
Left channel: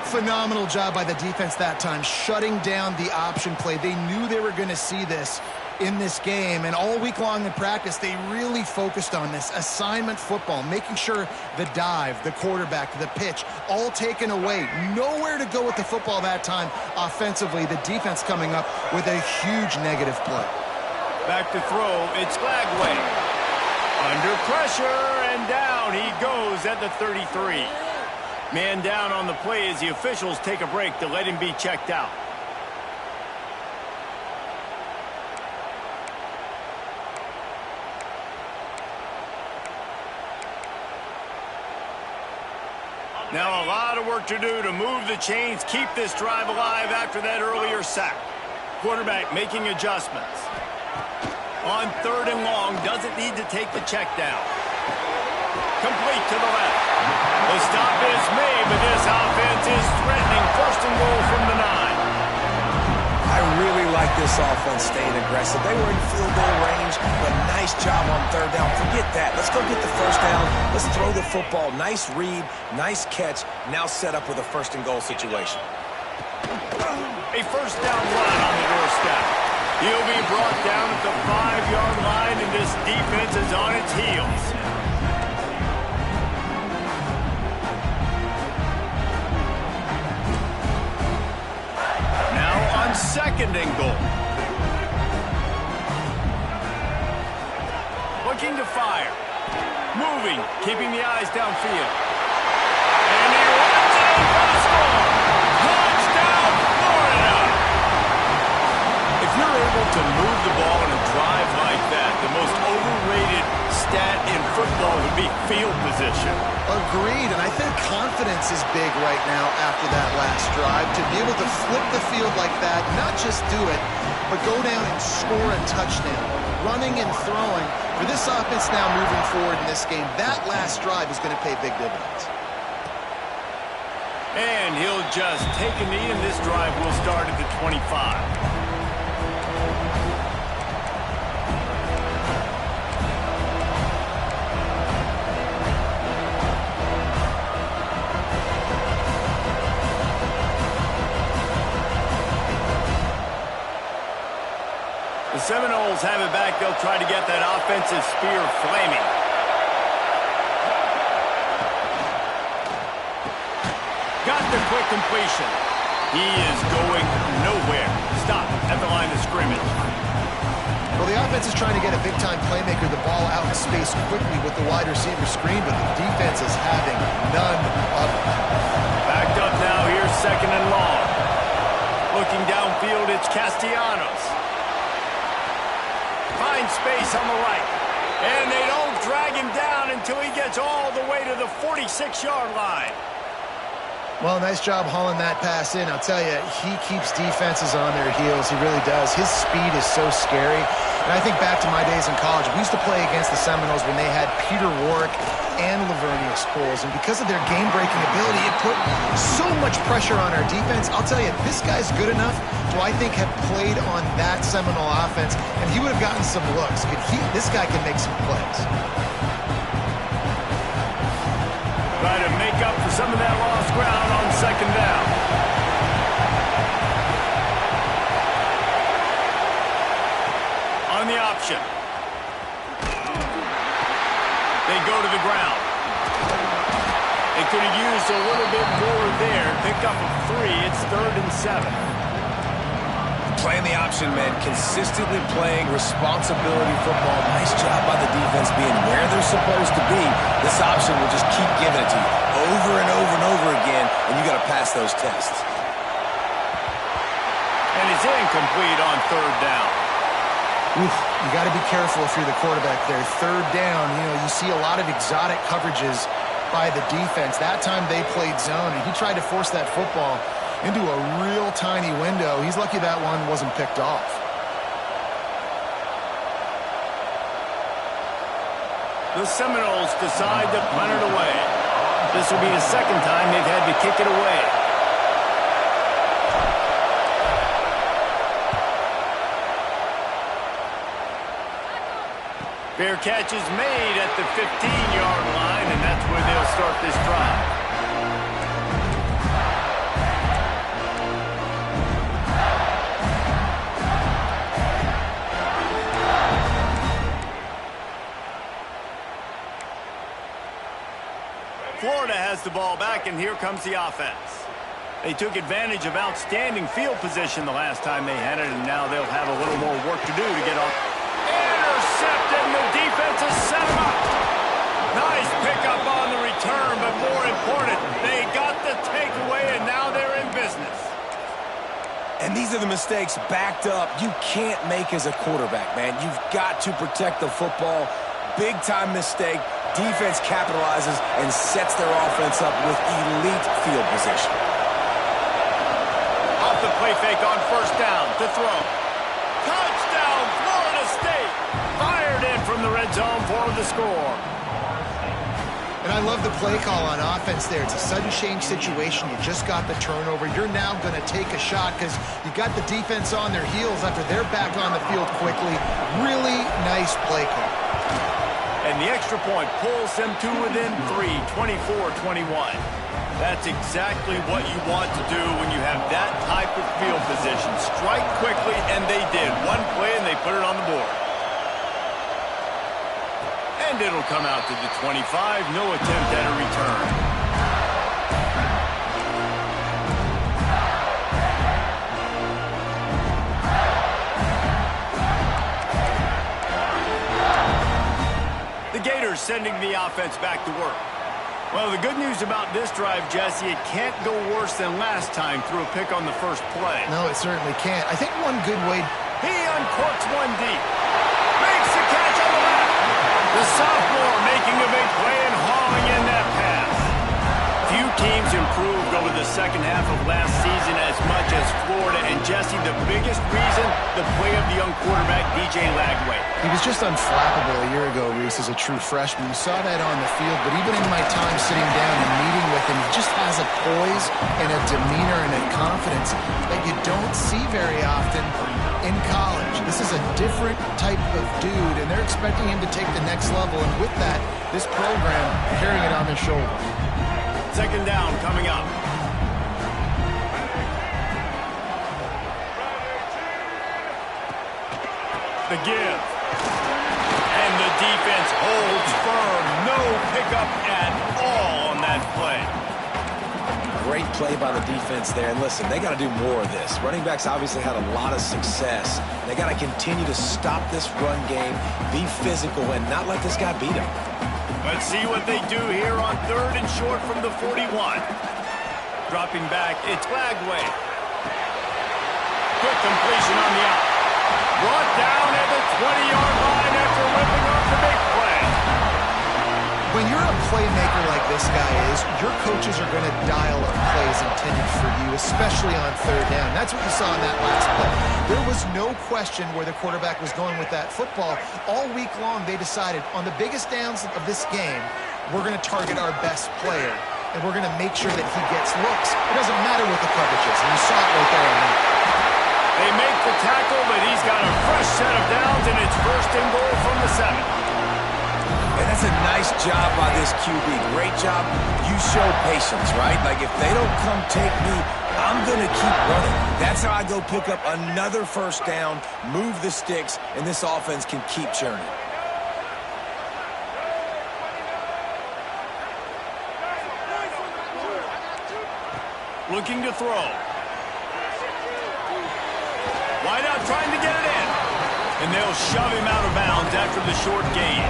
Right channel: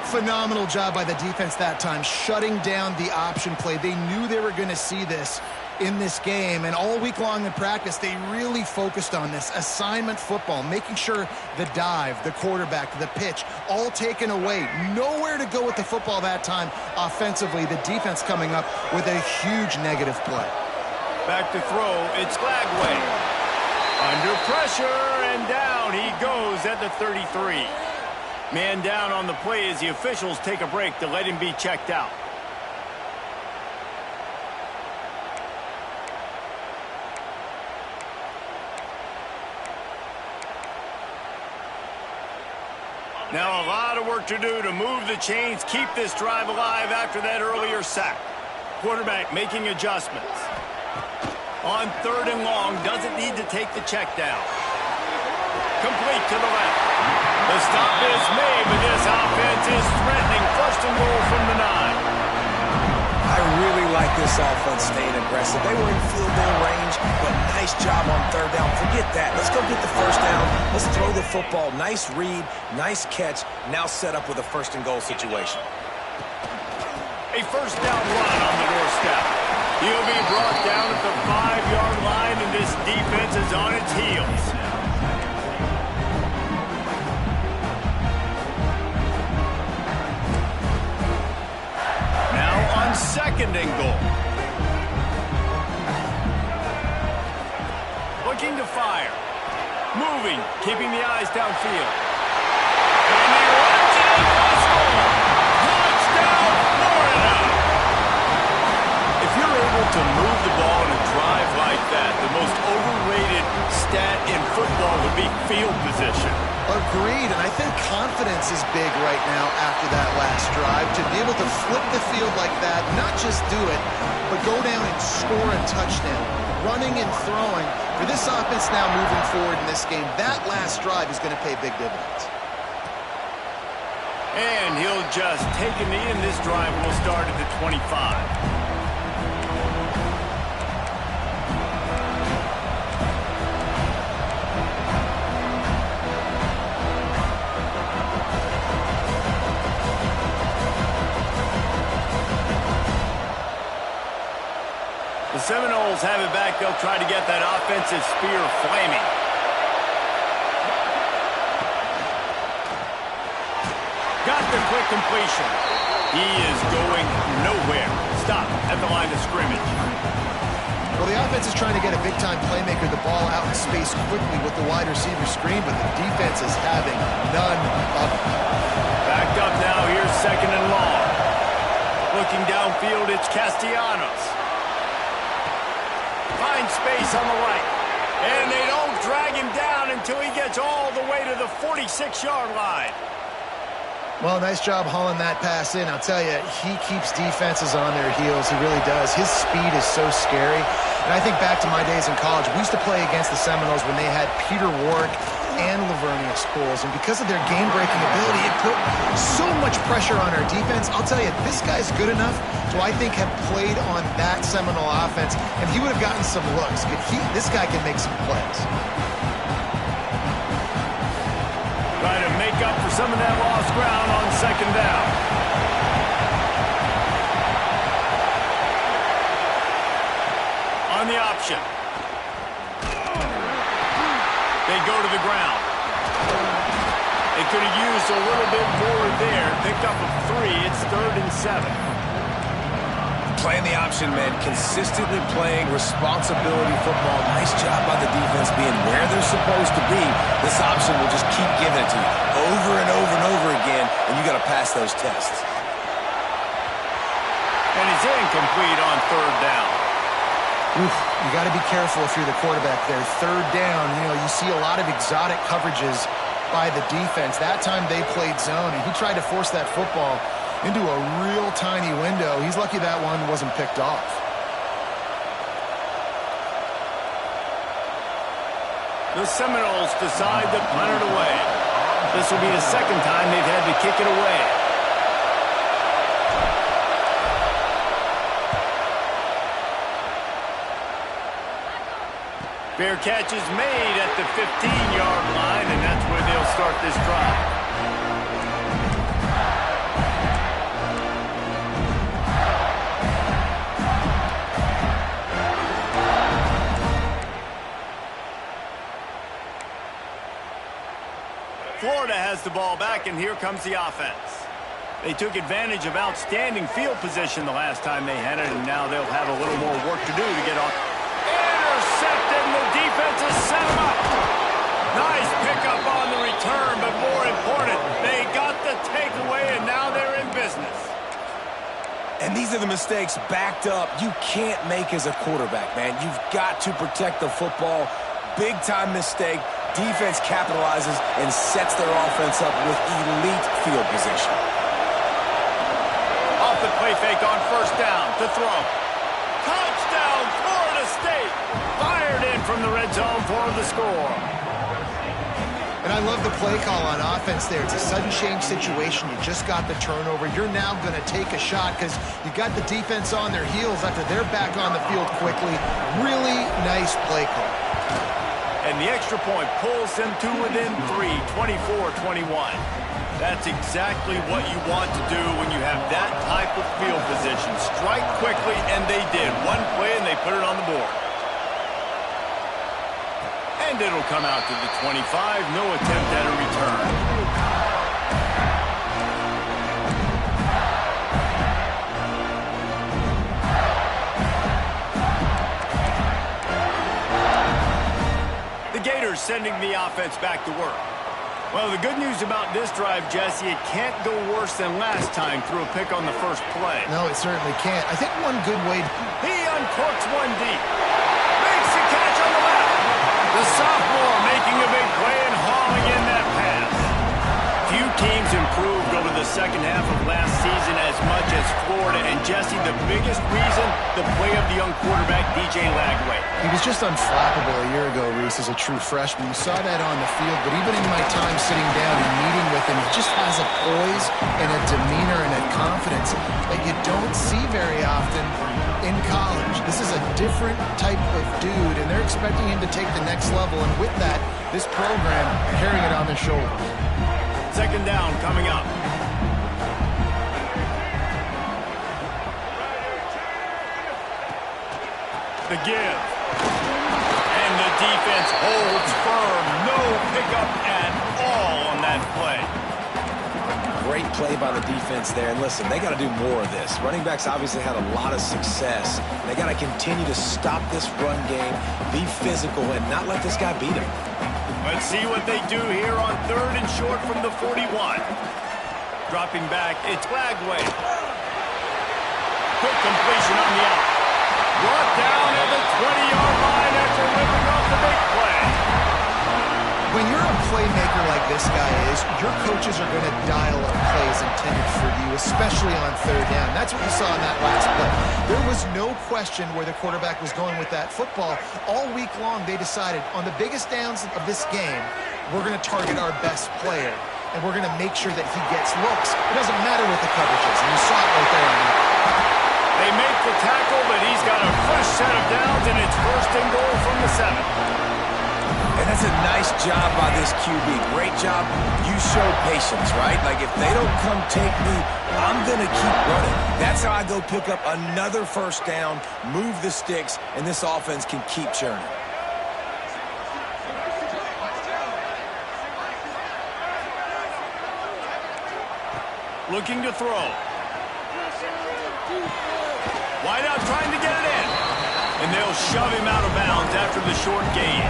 Phenomenal job by the defense that time, shutting down the option play. They knew they were going to see this in this game, and all week long in practice, they really focused on this assignment football, making sure the dive, the quarterback, the pitch, all taken away. Nowhere to go with the football that time offensively. The defense coming up with a huge negative play. Back to throw, it's Glagway. Under pressure, and down he goes at the 33. Man down on the play as the officials take a break to let him be checked out. Now a lot of work to do to move the chains, keep this drive alive after that earlier sack. Quarterback making adjustments. On 3rd and long, doesn't need to take the check down. Complete to the left. The stop is made, but this offense is threatening. 1st and goal from the 9. I really like this offense staying aggressive. They were in field goal range, but nice job on 3rd down. Forget that. Let's go get the 1st down. Let's throw the football. Nice read, nice catch. Now set up with a 1st and goal situation. A 1st down run on the doorstep. He'll be brought down at the 5-yard line, and this defense is on its heels. On 2nd and goal. Looking to fire. Moving, keeping the eyes downfield. And he runs it in for the score. Touchdown, Florida! If you're able to move the ball in a drive like that, the most overrated stat in football would be field position. Agreed, and I think confidence is big right now after that last drive. To be able to flip the field like that, not just do it, but go down and score a touchdown. Running and throwing. For this offense now moving forward in this game, that last drive is going to pay big dividends. And he'll just take a knee, and this drive will start at the 25. The Seminoles have it back. They'll try to get that offensive spear flaming. Got the quick completion. He is going nowhere. Stop at the line of scrimmage. Well, the offense is trying to get a big-time playmaker the ball out in space quickly with the wide receiver screen, but the defense is having none of it. Backed up now. Here's 2nd and long. Looking downfield, it's Castellanos. Finds space on the right. And they don't drag him down until he gets all the way to the 46-yard line. Well, nice job hauling that pass in. I'll tell you, he keeps defenses on their heels. He really does. His speed is so scary. And I think back to my days in college. We used to play against the Seminoles when they had Peter Warrick and Lavernius Coles. And because of their game-breaking ability, it put so much pressure on our defense. I'll tell you, this guy's good enough to, I think, have played on that Seminole offense, and he would have gotten some looks. This guy can make some plays. Try to make up for some of that lost ground on 2nd down. On the option. They go to the ground. They could have used a little bit more there. Picked up a 3. It's 3rd and 7. Playing the option, man. Consistently playing responsibility football. Nice job by the defense being where they're supposed to be. This option will just keep giving it to you over and over and over again, and you got to pass those tests. And it's incomplete on 3rd down. Oof, you got to be careful if you're the quarterback there. 3rd down, you see a lot of exotic coverages by the defense. That time they played zone, and he tried to force that football into a real tiny window. He's lucky that one wasn't picked off. The Seminoles decide to punt it away. This will be the 2nd time they've had to kick it away. Fair catch is made at the 15-yard line, and that's where they'll start this drive. Florida has the ball back, and here comes the offense. They took advantage of outstanding field position the last time they had it, and now they'll have a little more work to do to get off. Intercepted, and the defense has set him up. Nice pickup on the return, but more important, they got the takeaway, and now they're in business. And these are the mistakes backed up you can't make as a quarterback, man. You've got to protect the football. Big-time mistake. Defense capitalizes and sets their offense up with elite field position. Off the play fake on 1st down to throw. Touchdown, Florida State. Fired in from the red zone for the score. And I love the play call on offense there. It's a sudden change situation. You just got the turnover. You're now going to take a shot because you got the defense on their heels after they're back on the field quickly. Really nice play call. And the extra point pulls them to within 3, 24-21. That's exactly what you want to do when you have that type of field position. Strike quickly, and they did. One play, and they put it on the board. And it'll come out to the 25. No attempt at a return. The Gators sending the offense back to work. Well, the good news about this drive, Jesse, it can't go worse than last time through a pick on the first play. No, it certainly can't. I think one good way... He uncorks one deep. Makes the catch on the left. The sophomore making a big play and hauling in that pass. Few teams improved over the second half of last season as much as Florida. And, Jesse, the biggest reason, the play of the young quarterback, DJ Lagway. He was just unflappable a year ago, Reese, as a true freshman. You saw that on the field, but even in my time sitting down and meeting with him, he just has a poise and a demeanor and a confidence that you don't see very often in college. This is a different type of dude, and they're expecting him to take the next level, and with that, this program carrying it on their shoulders. 2nd down coming up. The give. And the defense holds firm. No pickup at all on that play. Great play by the defense there. And listen, they got to do more of this. Running backs obviously had a lot of success. They got to continue to stop this run game, be physical, and not let this guy beat them. Let's see what they do here on 3rd and short from the 41. Dropping back, it's Lagway. Quick completion on the out. Brought down at the 20-yard line after ripping off the big play. When you're a playmaker like this guy is, your coaches are going to dial up plays intended for you, especially on 3rd down. That's what you saw in that last play. There was no question where the quarterback was going with that football. All week long, they decided on the biggest downs of this game, we're going to target our best player, and we're going to make sure that he gets looks. It doesn't matter what the coverage is, and you saw it right there on that. They make the tackle, but he's got a fresh set of downs, and it's 1st and goal from the 7. And that's a nice job by this QB. Great job. You show patience, right? Like, if they don't come take me, I'm going to keep running. That's how I go pick up another first down, move the sticks, and this offense can keep churning. Looking to throw. Wide out trying to get it in. And they'll shove him out of bounds after the short gain.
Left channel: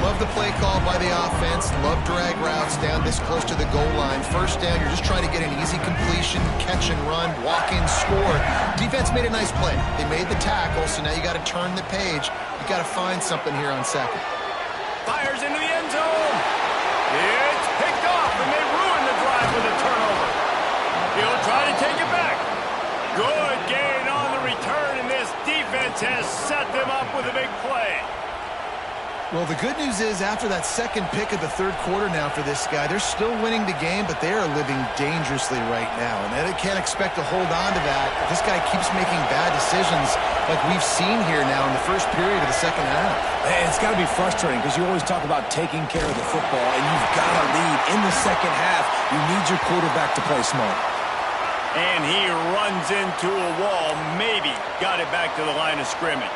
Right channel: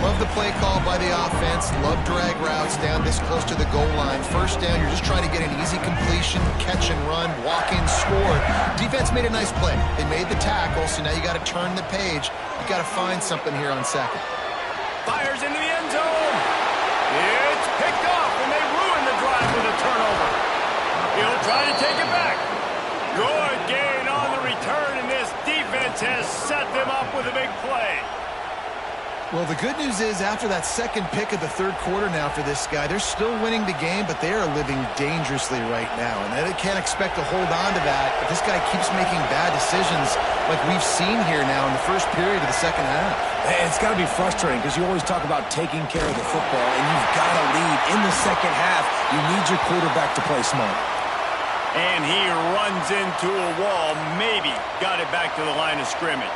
Love the play call by the offense. Love drag routes down this close to the goal line. First down, you're just trying to get an easy completion, catch and run, walk in, score. Defense made a nice play. They made the tackle, so now you got to turn the page. You got to find something here on second. Fires into the end zone. It's picked off, and they ruin the drive with a turnover. He'll try to take it back. Good gain on the return, and this defense has set them up with a big play. Well, the good news is after that second pick of the third quarter now for this guy, they're still winning the game, but they are living dangerously right now. And they can't expect to hold on to that if this guy keeps making bad decisions like we've seen here now in the first period of the second half. It's got to be frustrating because you always talk about taking care of the football, and you've got to lead in the second half. You need your quarterback to play smart. And he runs into a wall, maybe got it back to the line of scrimmage.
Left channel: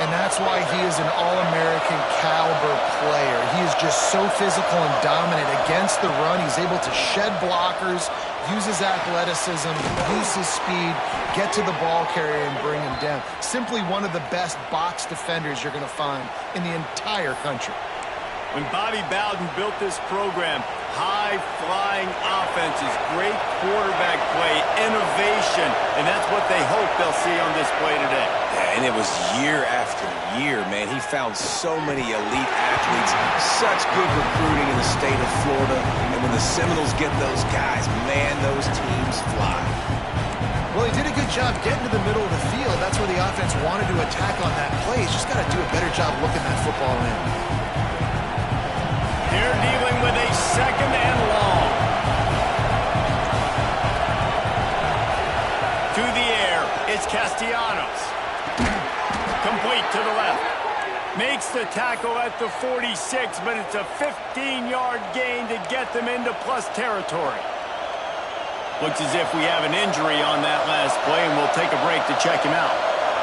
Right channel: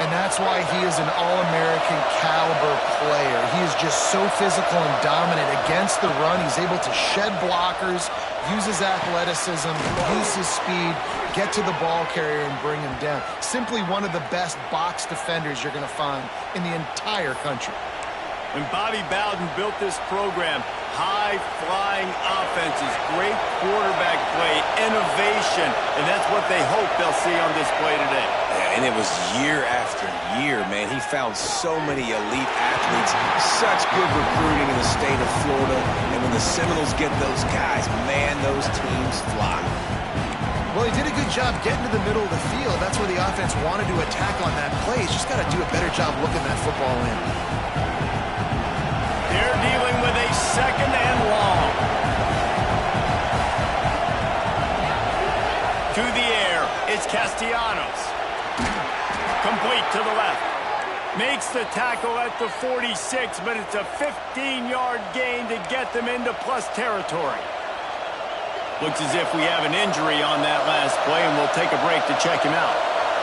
And that's why he is an all-American caliber player. He is just so physical and dominant against the run. He's able to shed blockers, use his athleticism, use his speed, get to the ball carrier and bring him down. Simply one of the best box defenders you're going to find in the entire country. When Bobby Bowden built this program, high-flying offenses, great quarterback play, innovation, and that's what they hope they'll see on display today. Yeah, and it was year after year, man. He found so many elite athletes, such good recruiting in the state of Florida, and when the Seminoles get those guys, man, those teams fly. Well, he did a good job getting to the middle of the field. That's where the offense wanted to attack on that play. He's just got to do a better job looking that football in. They're dealing with a second and long. To the air, it's Castellanos. Complete to the left. Makes the tackle at the 46, but it's a 15-yard gain to get them into plus territory. Looks as if we have an injury on that last play, and we'll take a break to check him out.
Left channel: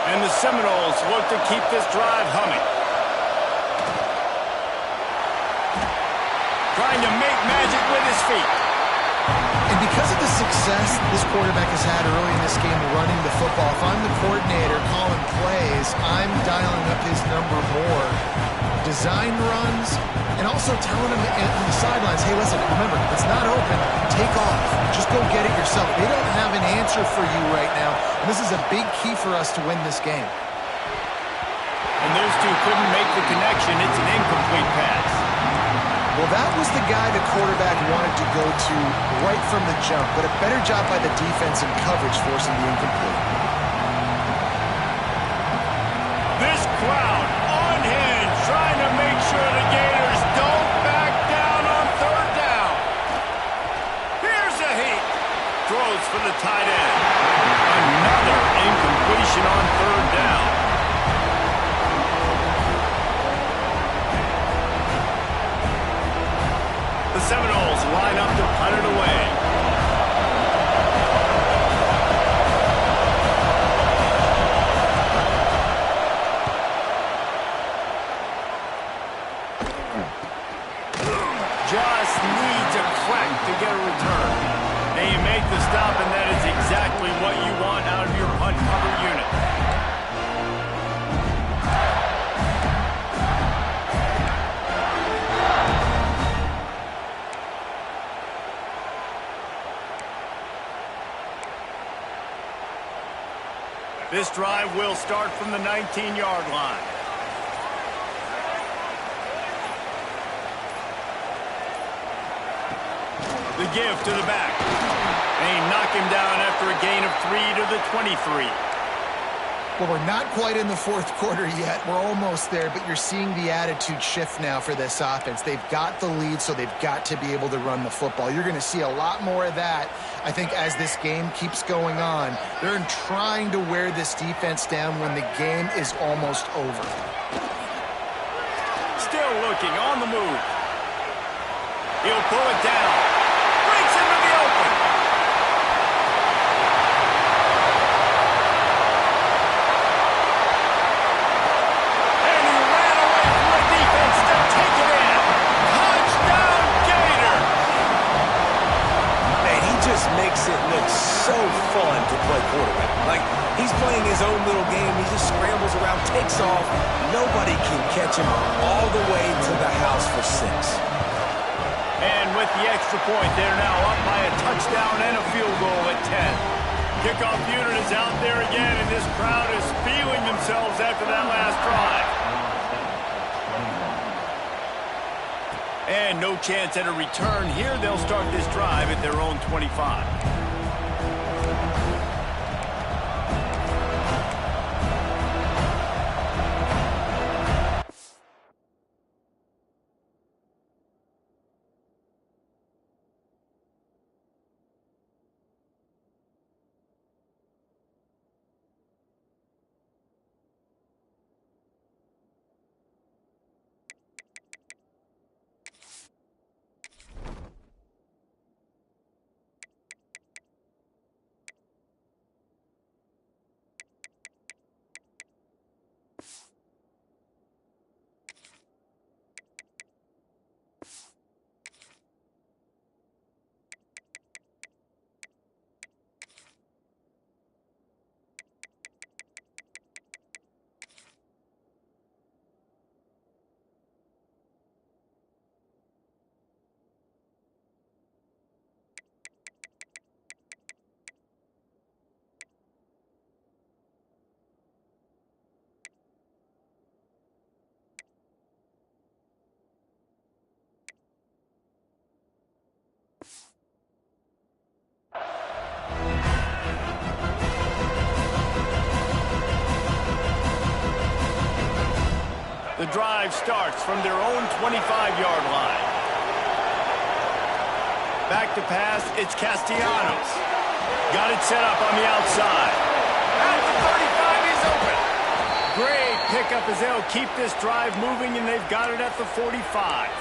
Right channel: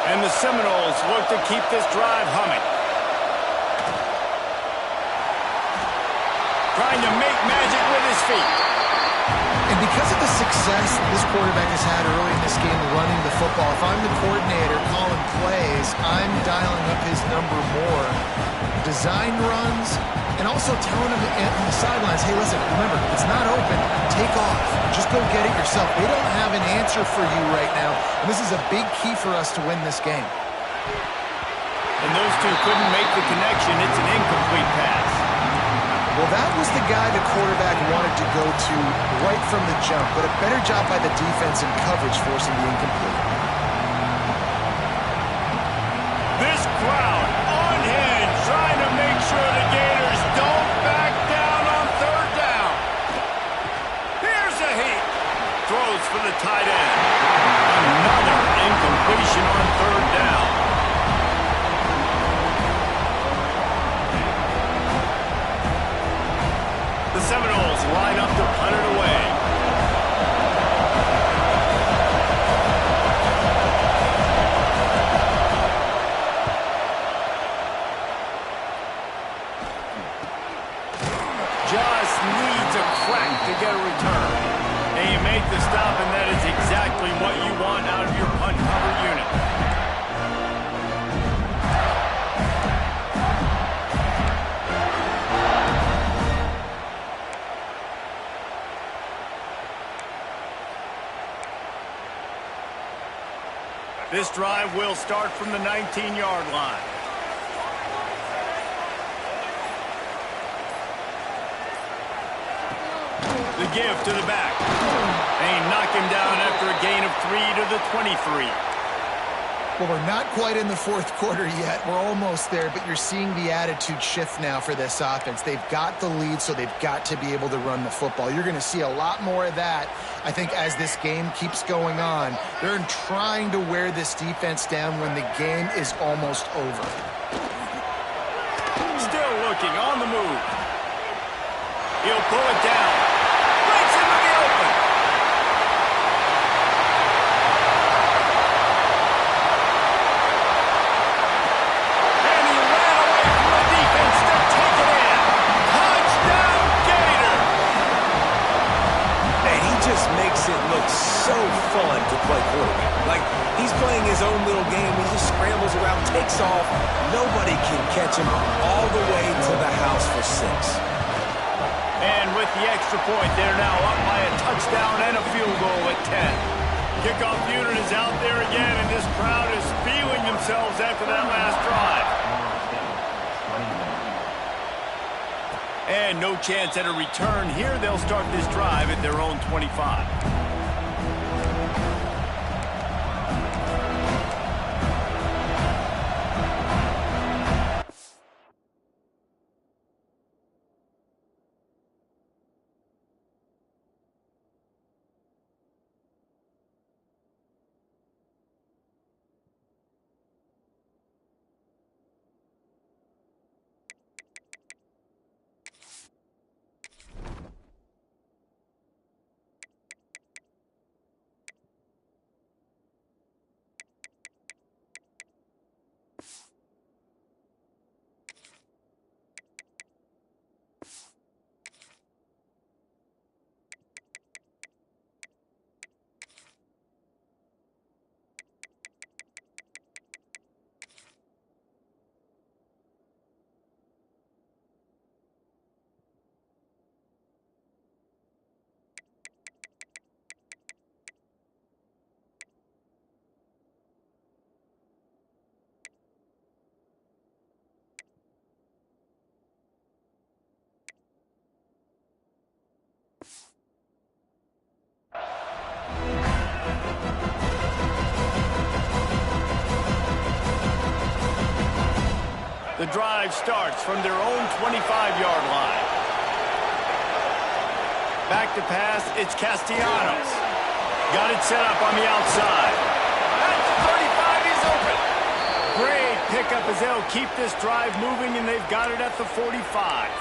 And the Seminoles look to keep this drive humming. Trying to make magic with his feet. And because of the success this quarterback has had early in this game running the football, if I'm the coordinator calling plays, I'm dialing up his number more. Design runs, and also telling him on the sidelines, hey, listen, remember, if it's not open, take off. Just go get it yourself. They don't have an answer for you right now, and this is a big key for us to win this game. And those two couldn't make the connection. It's an incomplete pass. Well, that was the guy the quarterback wanted to go to right from the jump, but a better job by the defense in coverage forcing the incomplete. This crowd unhinged, trying to make sure the Gators don't back down on third down. Here's a heat. Throws for the tight end. Another incompletion on third down. The Seminoles line up to punt it away. Just needs a crack to get a return. And you make the stop, and that is exactly what you want out of your punt cover unit. This drive will start from the 19-yard line. The give to the back. They knock him down after a gain of 3 to the 23. Well, we're not quite in the fourth quarter yet. We're almost there, but you're seeing the attitude shift now for this offense. They've got the lead, so they've got to be able to run the football. You're going to see a lot more of that, I think, as this game keeps going on. They're trying to wear this defense down when the game is almost over. Still looking on the move. He'll pull it down. Breaks into the open. And he ran away from the defense to take it in. Touchdown, Gator! Man, he just makes it look so fun to play quarterback. Like, he's playing his own little game. He just scrambles around, takes off. Nobody can catch him all the way to the house for 6. And with the extra point, they're now up by a touchdown and a field goal at 10. Kickoff unit is out there again, and this crowd is feeling themselves after that last drive. And no chance at a return here. They'll start this drive at their own 25. The drive starts from their own 25-yard line. Back to pass, it's Castellanos. Got it set up on the outside. At the 35, he's open. Great pickup as they'll keep this drive moving, and they've got it at the 45.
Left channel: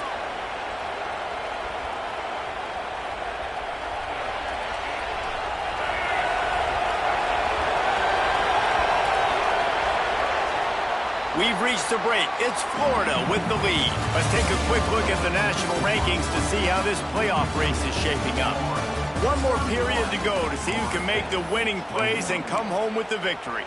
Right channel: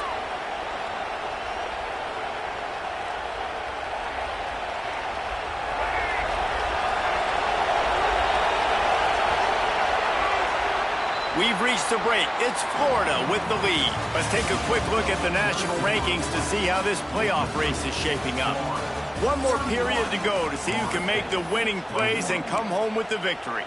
We've reached the break. It's Florida with the lead. Let's take a quick look at the national rankings to see how this playoff race is shaping up. One more period to go to see who can make the winning plays and come home with the victory.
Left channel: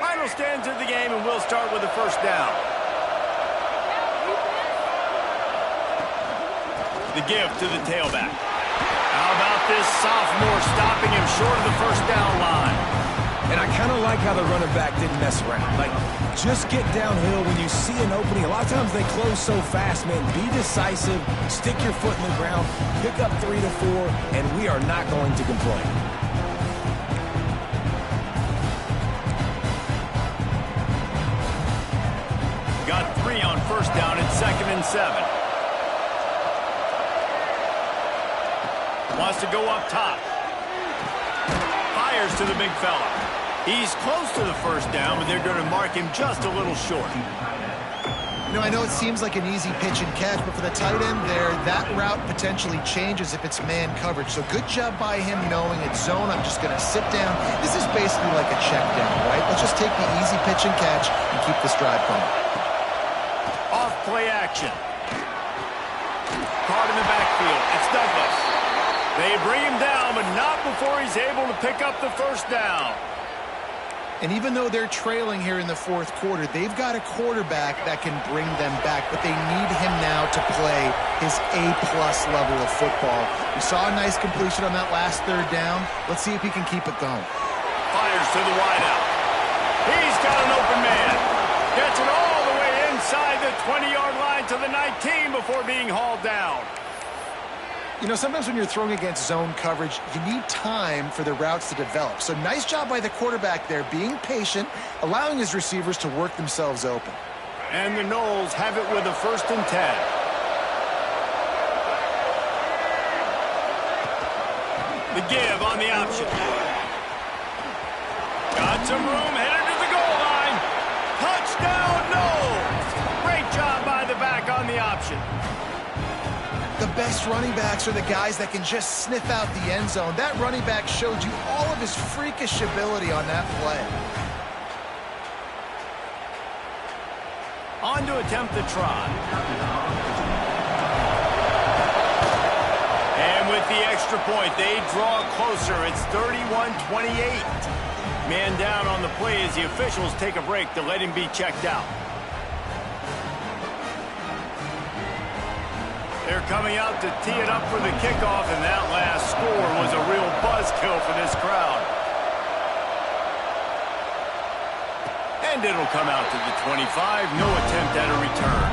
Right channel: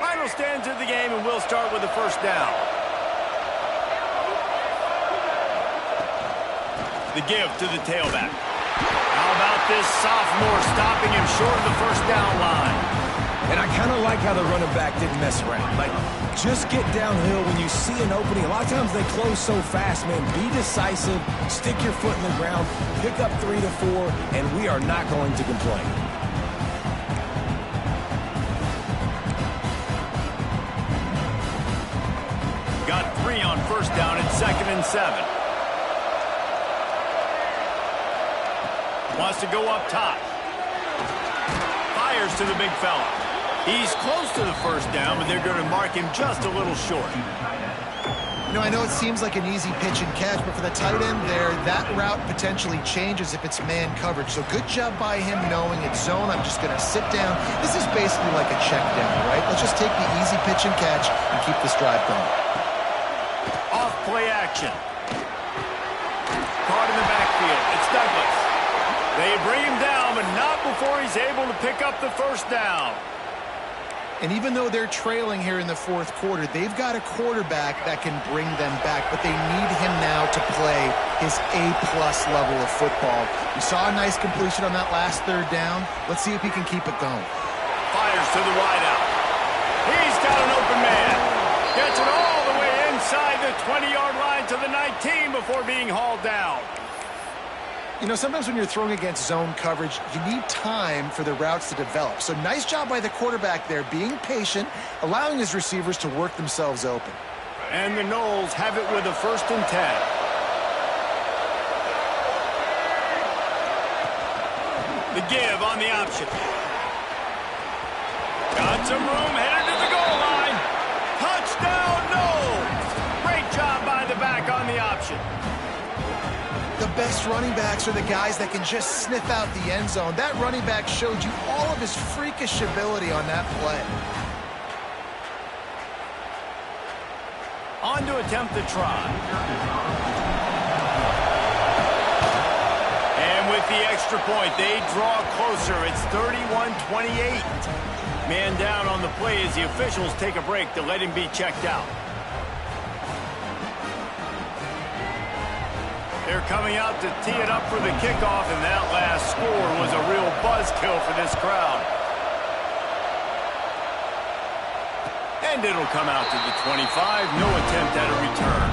Final stands of the game, and we'll start with the first down. The give to the tailback. How about this sophomore stopping him short of the first down line? And I kind of like how the running back didn't mess around. Like, just get downhill when you see an opening. A lot of times they close so fast, man. Be decisive, stick your foot in the ground, pick up 3 to 4, and we are not going to complain. Got 3 on first down at 2nd and 7. Wants to go up top. Fires to the big fella. He's close to the first down, but they're going to mark him just a little short. You know, I know it seems like an easy pitch and catch, but for the tight end there, that route potentially changes if it's man coverage. So good job by him knowing it's zone. I'm just going to sit down. This is basically like a check down, right? Let's just take the easy pitch and catch and keep this drive going. Off play action. Caught in the backfield. It's Douglas. They bring him down, but not before he's able to pick up the first down. And even though they're trailing here in the fourth quarter, they've got a quarterback that can bring them back, but they need him now to play his A-plus level of football. We saw a nice completion on that last third down. Let's see if he can keep it going. Fires to the wideout. He's got an open man. Gets it all the way inside the 20-yard line to the 19 before being hauled down. You know, sometimes when you're throwing against zone coverage, you need time for the routes to develop. So nice job by the quarterback there, being patient, allowing his receivers to work themselves open. And the Noles have it with a 1st and 10. The give on the option. Got some room, headed to the goal line. Touchdown, no! Great job by the back on the option. The best running backs are the guys that can just sniff out the end zone. That running back showed you all of his freakish ability on that play. On to attempt the try. And with the extra point, they draw closer. It's 31-28. Man down on the play as the officials take a break to let him be checked out. They're coming out to tee it up for the kickoff, and that last score was a real buzzkill for this crowd. And it'll come out to the 25. No attempt at a return.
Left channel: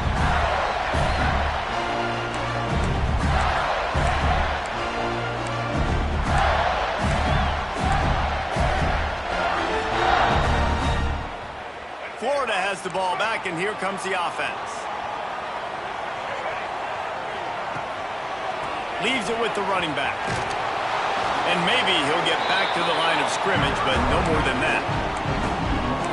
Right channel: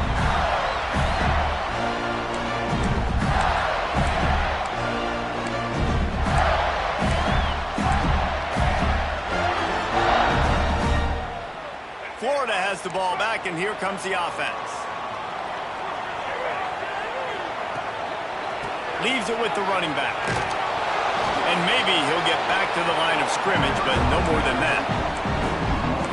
Florida has the ball back, and here comes the offense. Leaves it with the running back. And maybe he'll get back to the line of scrimmage, but no more than that.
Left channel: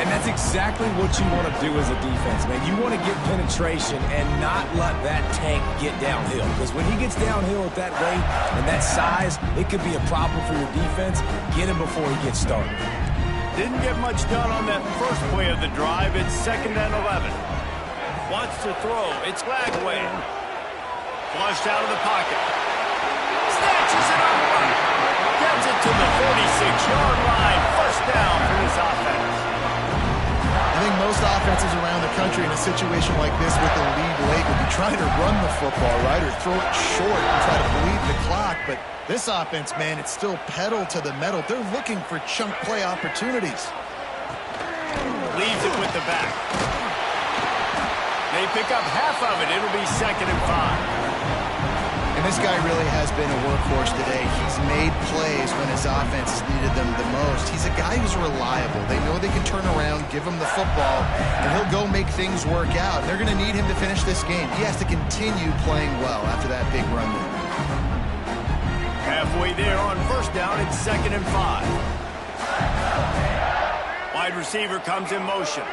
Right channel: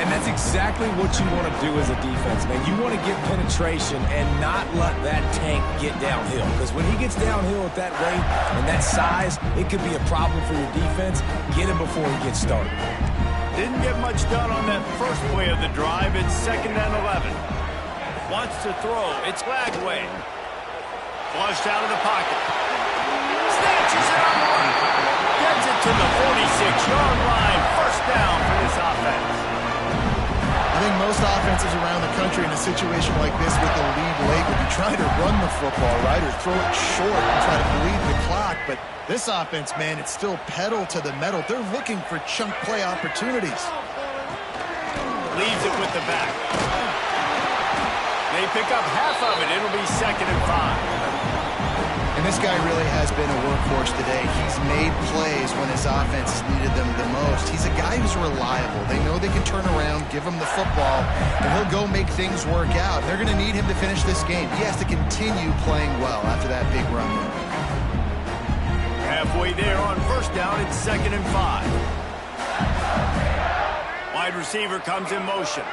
And that's exactly what you want to do as a defense, man. You want to get penetration and not let that tank get downhill. Because when he gets downhill at that rate and that size, it could be a problem for your defense. Get him before he gets started. Didn't get much done on that first play of the drive. It's 2nd and 11. Wants to throw. It's Lagway. Flushed out of the pocket. Snatches it on the run. Gets it to the 46-yard line. First down for this offense. I think most offenses around the country in a situation like this with the lead late would be trying to run the football, right, or throw it short and try to bleed the clock. But this offense, man, it's still pedal to the metal. They're looking for chunk play opportunities. Leaves it with the back. They pick up half of it. It'll be 2nd and 5. And this guy really has been a workhorse today. He's made plays when his offense has needed them the most. He's a guy who's reliable. They know they can turn around, give him the football, and he'll go make things work out. They're going to need him to finish this game. He has to continue playing well after that big run there. Halfway there on first down, it's 2nd and 5. Wide receiver comes in motion.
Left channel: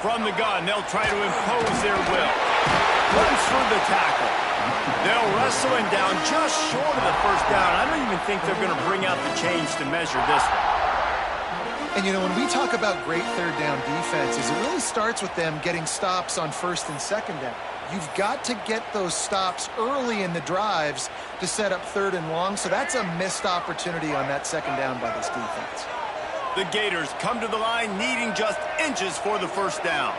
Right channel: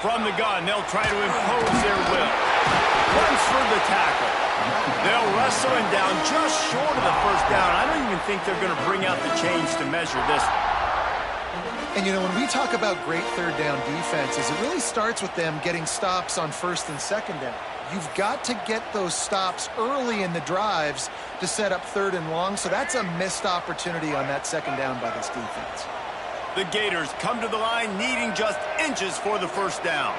From the gun, they'll try to impose their will. Runs through the tackle. They'll wrestle him down just short of the first down. I don't even think they're going to bring out the chains to measure this one. And, you know, when we talk about great third down defenses, it really starts with them getting stops on 1st and 2nd down. You've got to get those stops early in the drives to set up 3rd and long, so that's a missed opportunity on that 2nd down by this defense. The Gators come to the line needing just inches for the first down.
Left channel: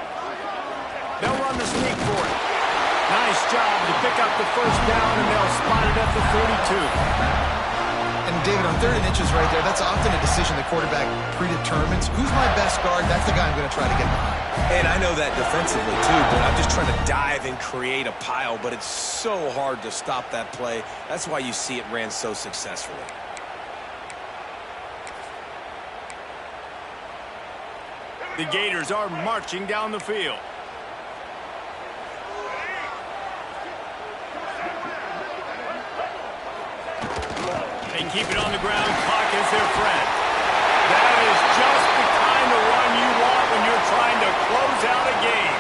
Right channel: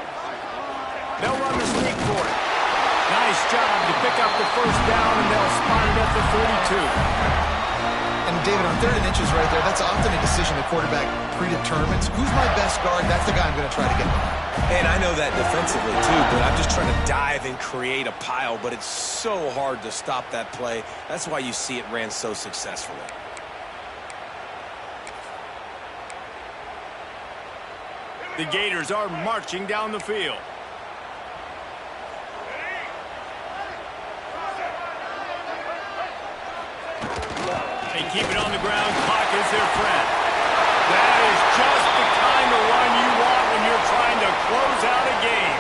They'll run the sneak for it. Nice job to pick up the first down, and they'll spot it at the 42. And, David, on 3rd and inches right there, that's often a decision the quarterback predetermines. Who's my best guard? That's the guy I'm going to try to get behind. And I know that defensively, too, but I'm just trying to dive and create a pile, but it's so hard to stop that play. That's why you see it ran so successfully. The Gators are marching down the field. They keep it on the ground. Clock is their friend. That is just the kind of run you want when you're trying to close out a game.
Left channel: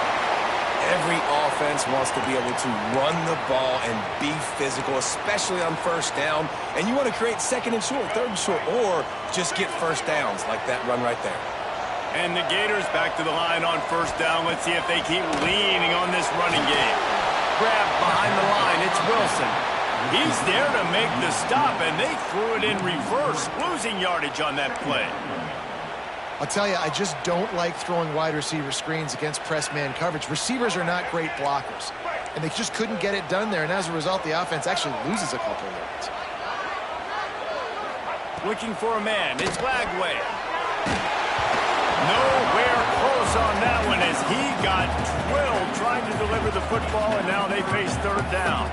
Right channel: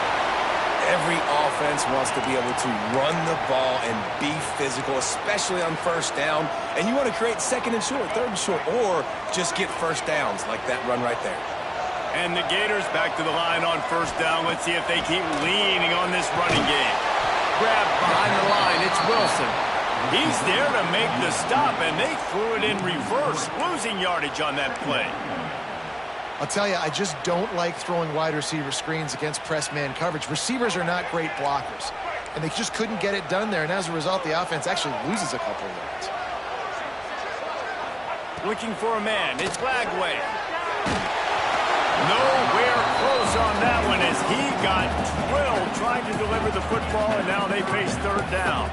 Every offense wants to be able to run the ball and be physical, especially on first down. And you want to create 2nd and short, 3rd and short, or just get first downs like that run right there. And the Gators back to the line on first down. Let's see if they keep leaning on this running game. Grab behind the line. It's Wilson. He's there to make the stop, and they threw it in reverse, losing yardage on that play. I'll tell you, I just don't like throwing wide receiver screens against press man coverage. Receivers are not great blockers, and they just couldn't get it done there, and as a result, the offense actually loses a couple of yards. Looking for a man. It's Lagway. Nowhere close on that one as he got drilled trying to deliver the football, and now they face 3rd down.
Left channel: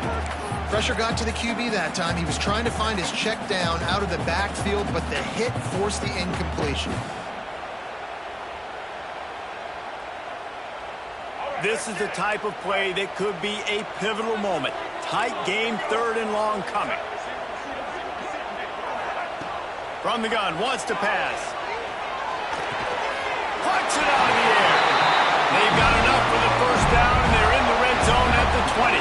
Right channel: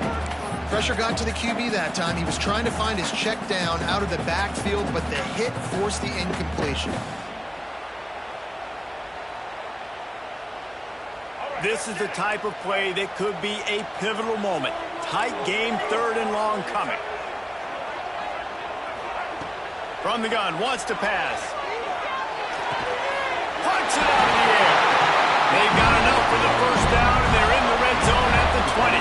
Pressure got to the QB that time. He was trying to find his check down out of the backfield, but the hit forced the incompletion. This is the type of play that could be a pivotal moment. Tight game, 3rd and long coming. From the gun, wants to pass. Punts it out of the air. They've got enough for the first down, and they're in the red zone at the 20.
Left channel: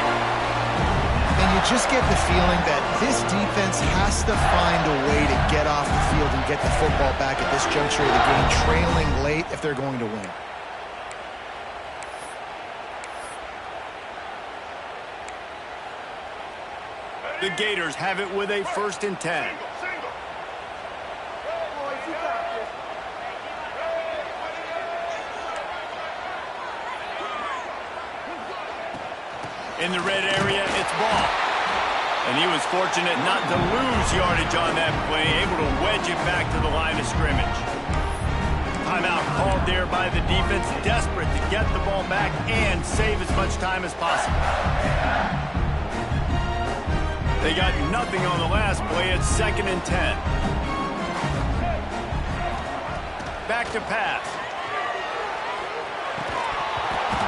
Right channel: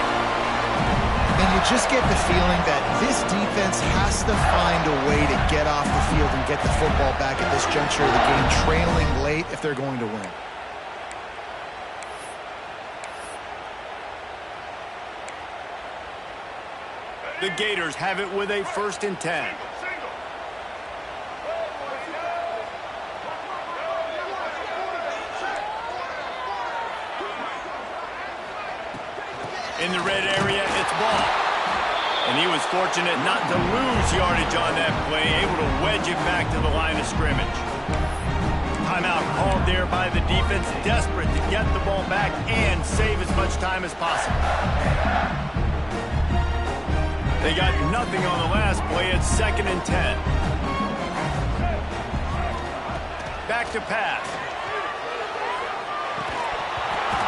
And you just get the feeling that this defense has to find a way to get off the field and get the football back at this juncture of the game, trailing late if they're going to win. The Gators have it with a 1st and 10. In the red area, it's ball. And he was fortunate not to lose yardage on that play, able to wedge it back to the line of scrimmage. Timeout called there by the defense, desperate to get the ball back and save as much time as possible. They got nothing on the last play. It's 2nd and 10. Back to pass.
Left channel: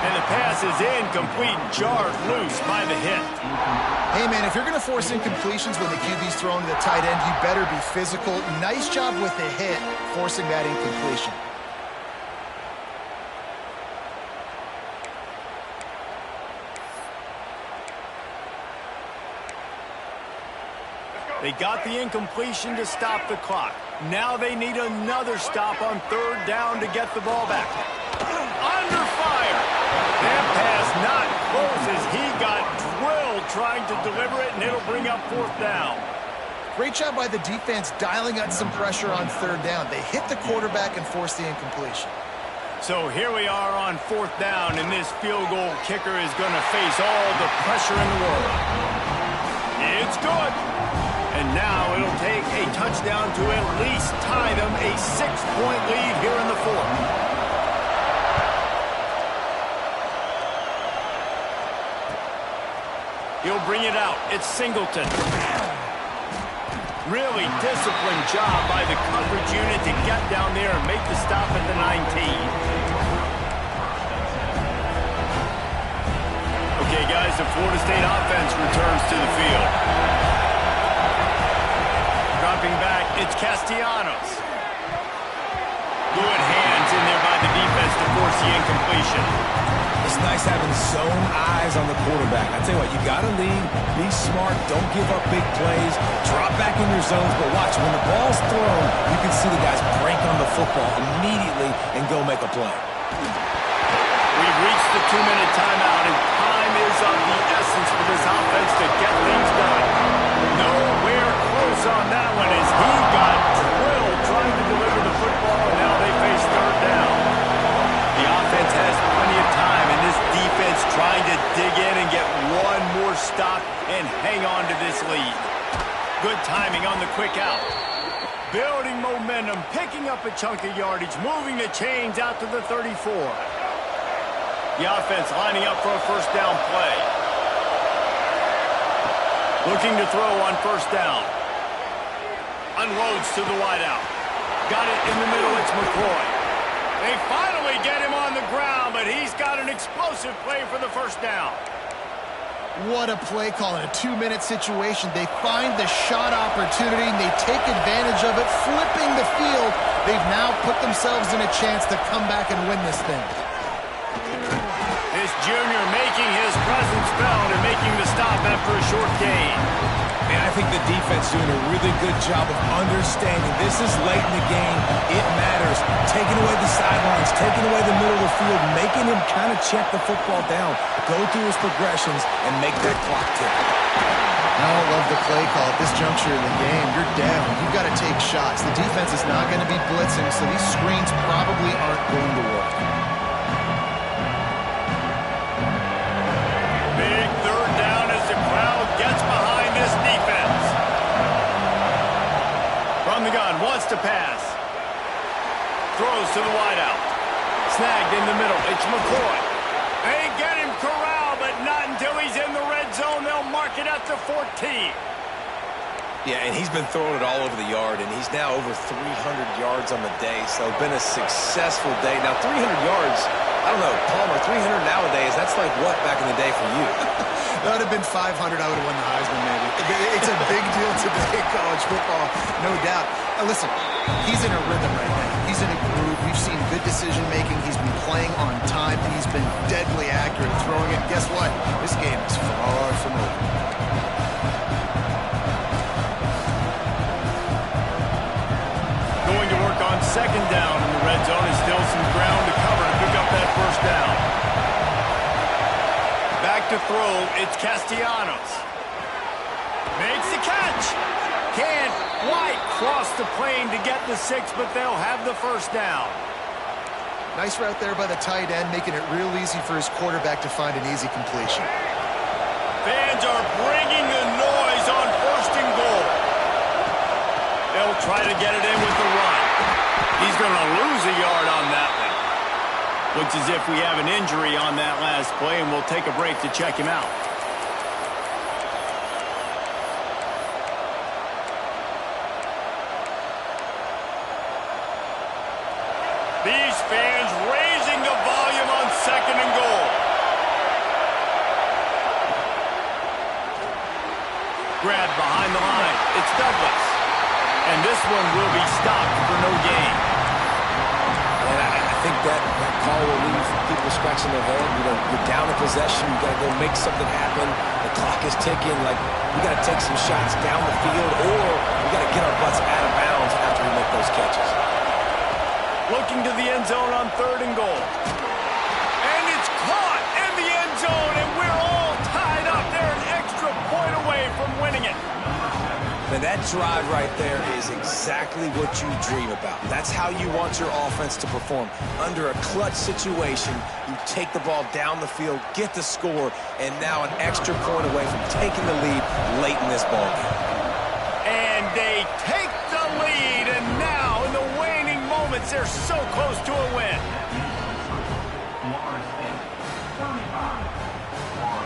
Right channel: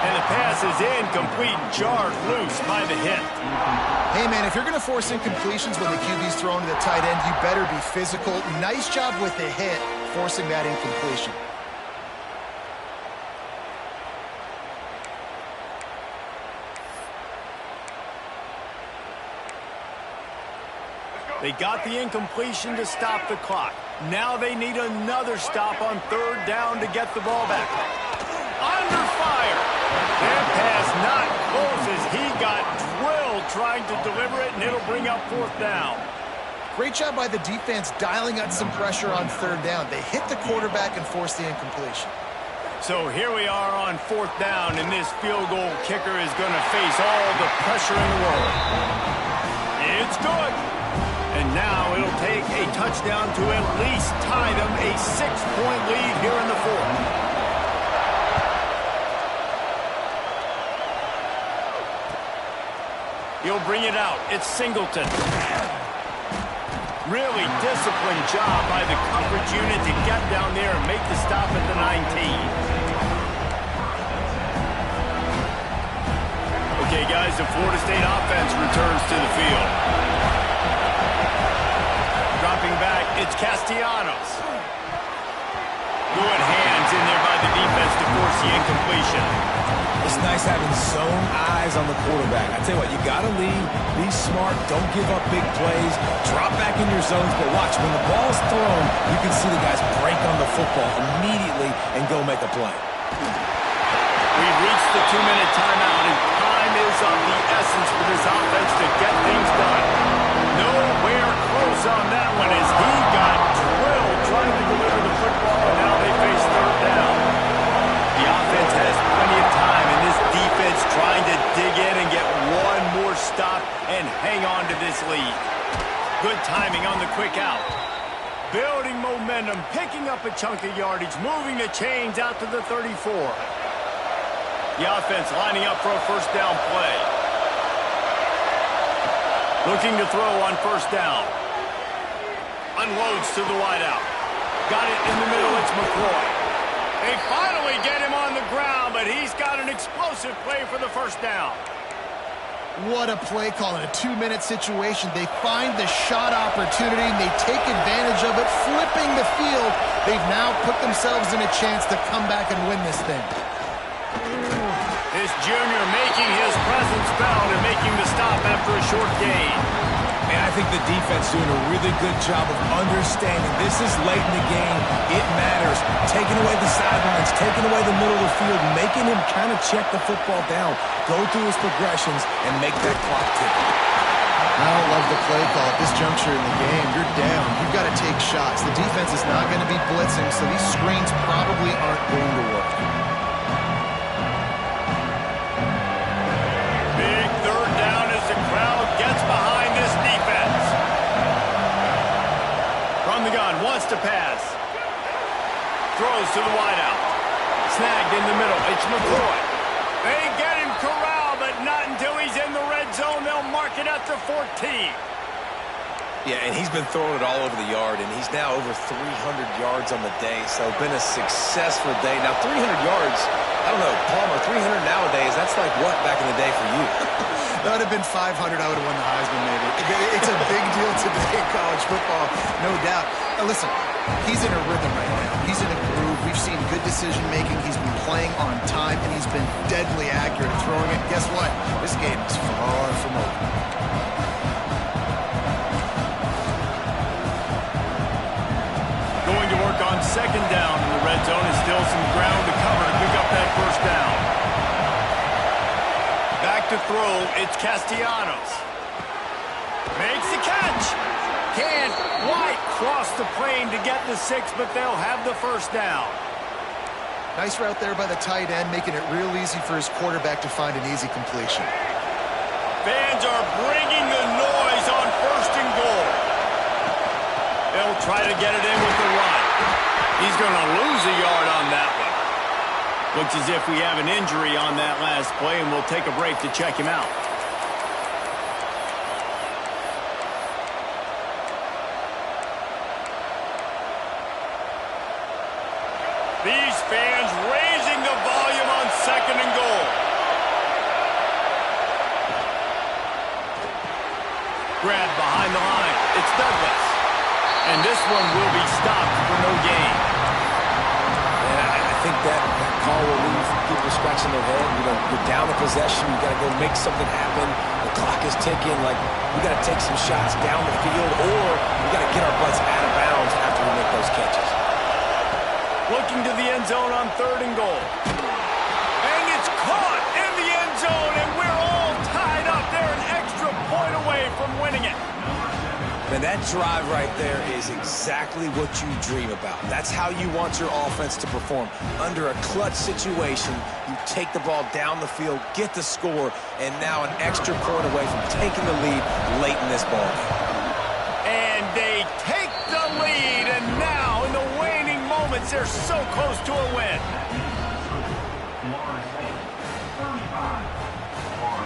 And the pass is incomplete, jarred loose by the hit. Hey, man, if you're going to force incompletions when the QB's thrown to the tight end, you better be physical. Nice job with the hit, forcing that incompletion. They got the incompletion to stop the clock. Now they need another stop on 3rd down to get the ball back. Under fire. That pass not close as he got drilled trying to deliver it, and it'll bring up 4th down. Great job by the defense dialing up some pressure on 3rd down. They hit the quarterback and forced the incompletion. So here we are on 4th down, and this field goal kicker is going to face all the pressure in the world. It's good. And now it'll take a touchdown to at least tie them a 6-point lead here in the 4th. He'll bring it out. It's Singleton. Really disciplined job by the coverage unit to get down there and make the stop at the 19. Okay, guys, the Florida State offense returns to the field. Dropping back, it's Castellanos. Good hands in there by the defense to force the incompletion. It's nice having zone eyes on the quarterback. I tell you what, you got to lead, be smart, don't give up big plays, drop back in your zones, but watch, when the ball's thrown, you can see the guys break on the football immediately and go make a play. We've reached the 2-minute timeout, and time is of the essence for this offense to get things done. Nowhere close on that one as he got drilled trying to deliver the football, and now they face 3rd down. The offense has plenty of time, and this defense trying to dig in and get one more stop and hang on to this lead. Good timing on the quick out. Building momentum, picking up a chunk of yardage, moving the chains out to the 34. The offense lining up for a 1st down play. Looking to throw on 1st down. Unloads to the wideout. Got it in the middle, it's McCoy. They finally get him on the ground, but he's got an explosive play for the 1st down. What a play call in a 2-minute situation. They find the shot opportunity, and they take advantage of it, flipping the field. They've now put themselves in a chance to come back and win this thing. This junior making his presence felt and making the stop after a short gain. Man, I think the defense doing a really good job of understanding this is late in the game. It matters. Taking away the sidelines, taking away the middle of the field, making him kind of check the football down, go through his progressions, and make that clock tick. I don't love the play call at this juncture in the game. You're down. You've got to take shots. The defense is not going to be blitzing, so these screens probably aren't going to work. Big 3rd down as the crowd gets behind this defense. From the gun, wants to pass. Throws to the wideout. Snagged in the middle. It's McCoy. They get him corralled, but not until he's in the red zone. They'll mark it at the 14. Yeah, and he's been throwing it all over the yard, and he's now over 300 yards on the day, so been a successful day. Now, 300 yards I don't know, Palmer, 300 nowadays, that's like what back in the day for you? That would have been 500. I would have won the Heisman, maybe. It's a big deal today in college football, no doubt. Now, listen, he's in a rhythm right now. He's in a groove. We've seen good decision-making. He's been playing on time, and he's been deadly accurate at throwing it. Guess what? This game is far from over. Going to work on second down in the red zone, and still some ground to cover to pick up that first down. Back to throw, it's Castellanos. Makes the catch. Can't quite cross the plane to get the 6, but they'll have the first down. Nice route there by the tight end, making it real easy for his quarterback to find an easy completion. Fans are bringing the noise on first and goal. They'll try to get it in with the run. He's going to lose a yard on that one. Looks as if we have an injury on that last play, and we'll take a break to check him out. These fans raising the volume on second and goal. Grab behind the line. It's Douglas. And this one will be stopped for no gain. And I think that call will leave people scratching their head. You know, you're down a possession. You got to go make something happen. The clock is ticking. Like, we got to take some shots down the field, or we got to get our butts out of bounds after we make those catches. Looking to the end zone on third and goal. And it's caught in the end zone, and we're all tied up. They're an extra point away from winning it. Man, that drive right there is exactly what you dream about. That's how you want your offense to perform. Under a clutch situation, you take the ball down the field, get the score, and now an extra point away from taking the lead late in this ballgame. And they take the lead, and now in the waning moments, they're so close to a win.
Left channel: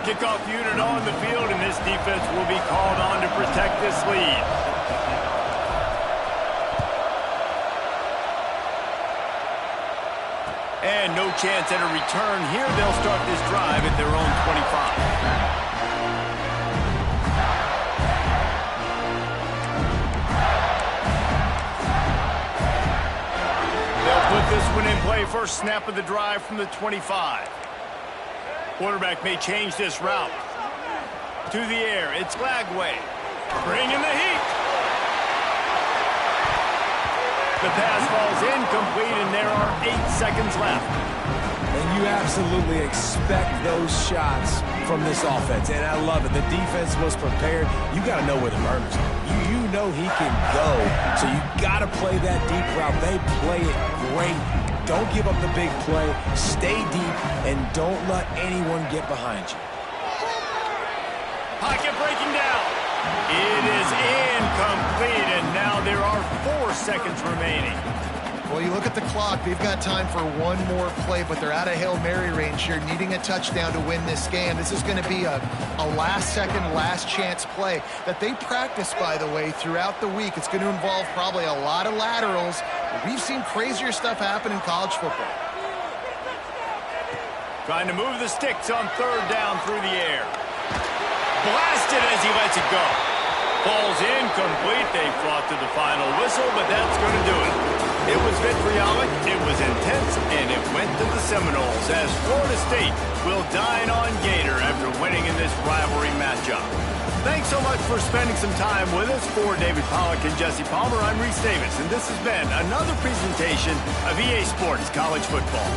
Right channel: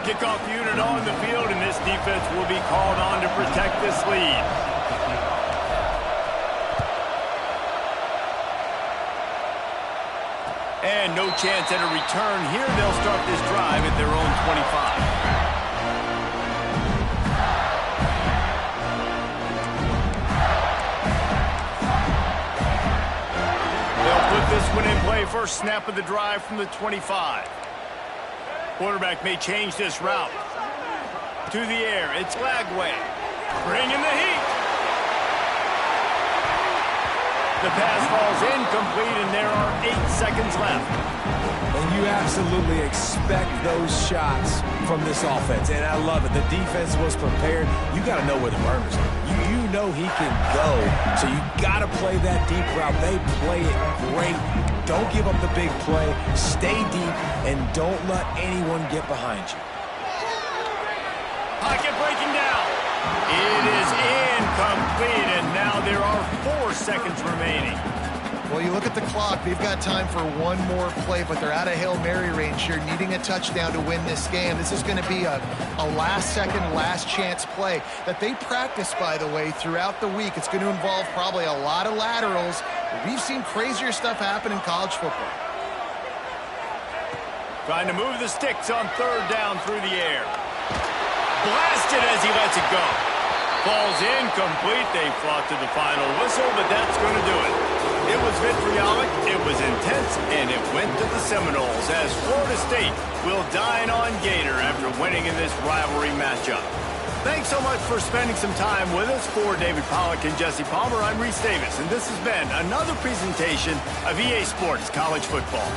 Kickoff unit on the field, and this defense will be called on to protect this lead. And no chance at a return here. They'll start this drive at their own 25. They'll put this one in play. First snap of the drive from the 25. Quarterback may change this route. To the air, it's Lagway. Bringing the heat. The pass falls incomplete, and there are 8 seconds left. And you absolutely expect those shots from this offense, and I love it. The defense was prepared. You got to know where the burners are. You know he can go, so you got to play that deep route. They play it great. Don't give up the big play. Stay deep, and don't let anyone get behind you. Pocket breaking down. It is incomplete, and now there are 4 seconds remaining. Well, you look at the clock. They've got time for one more play, but they're out of Hail Mary range here, needing a touchdown to win this game. This is going to be a last-second, last-chance play that they practice, by the way, throughout the week. It's going to involve probably a lot of laterals. We've seen crazier stuff happen in college football. Trying to move the sticks on third down through the air. Blasted as he lets it go. Falls incomplete. They fought to the final whistle, but that's going to do it. It was vitriolic, it was intense, and it went to the Seminoles as Florida State will dine on Gator after winning in this rivalry matchup. Thanks so much for spending some time with us. For David Pollack and Jesse Palmer, I'm Reese Davis, and this has been another presentation of EA Sports College Football.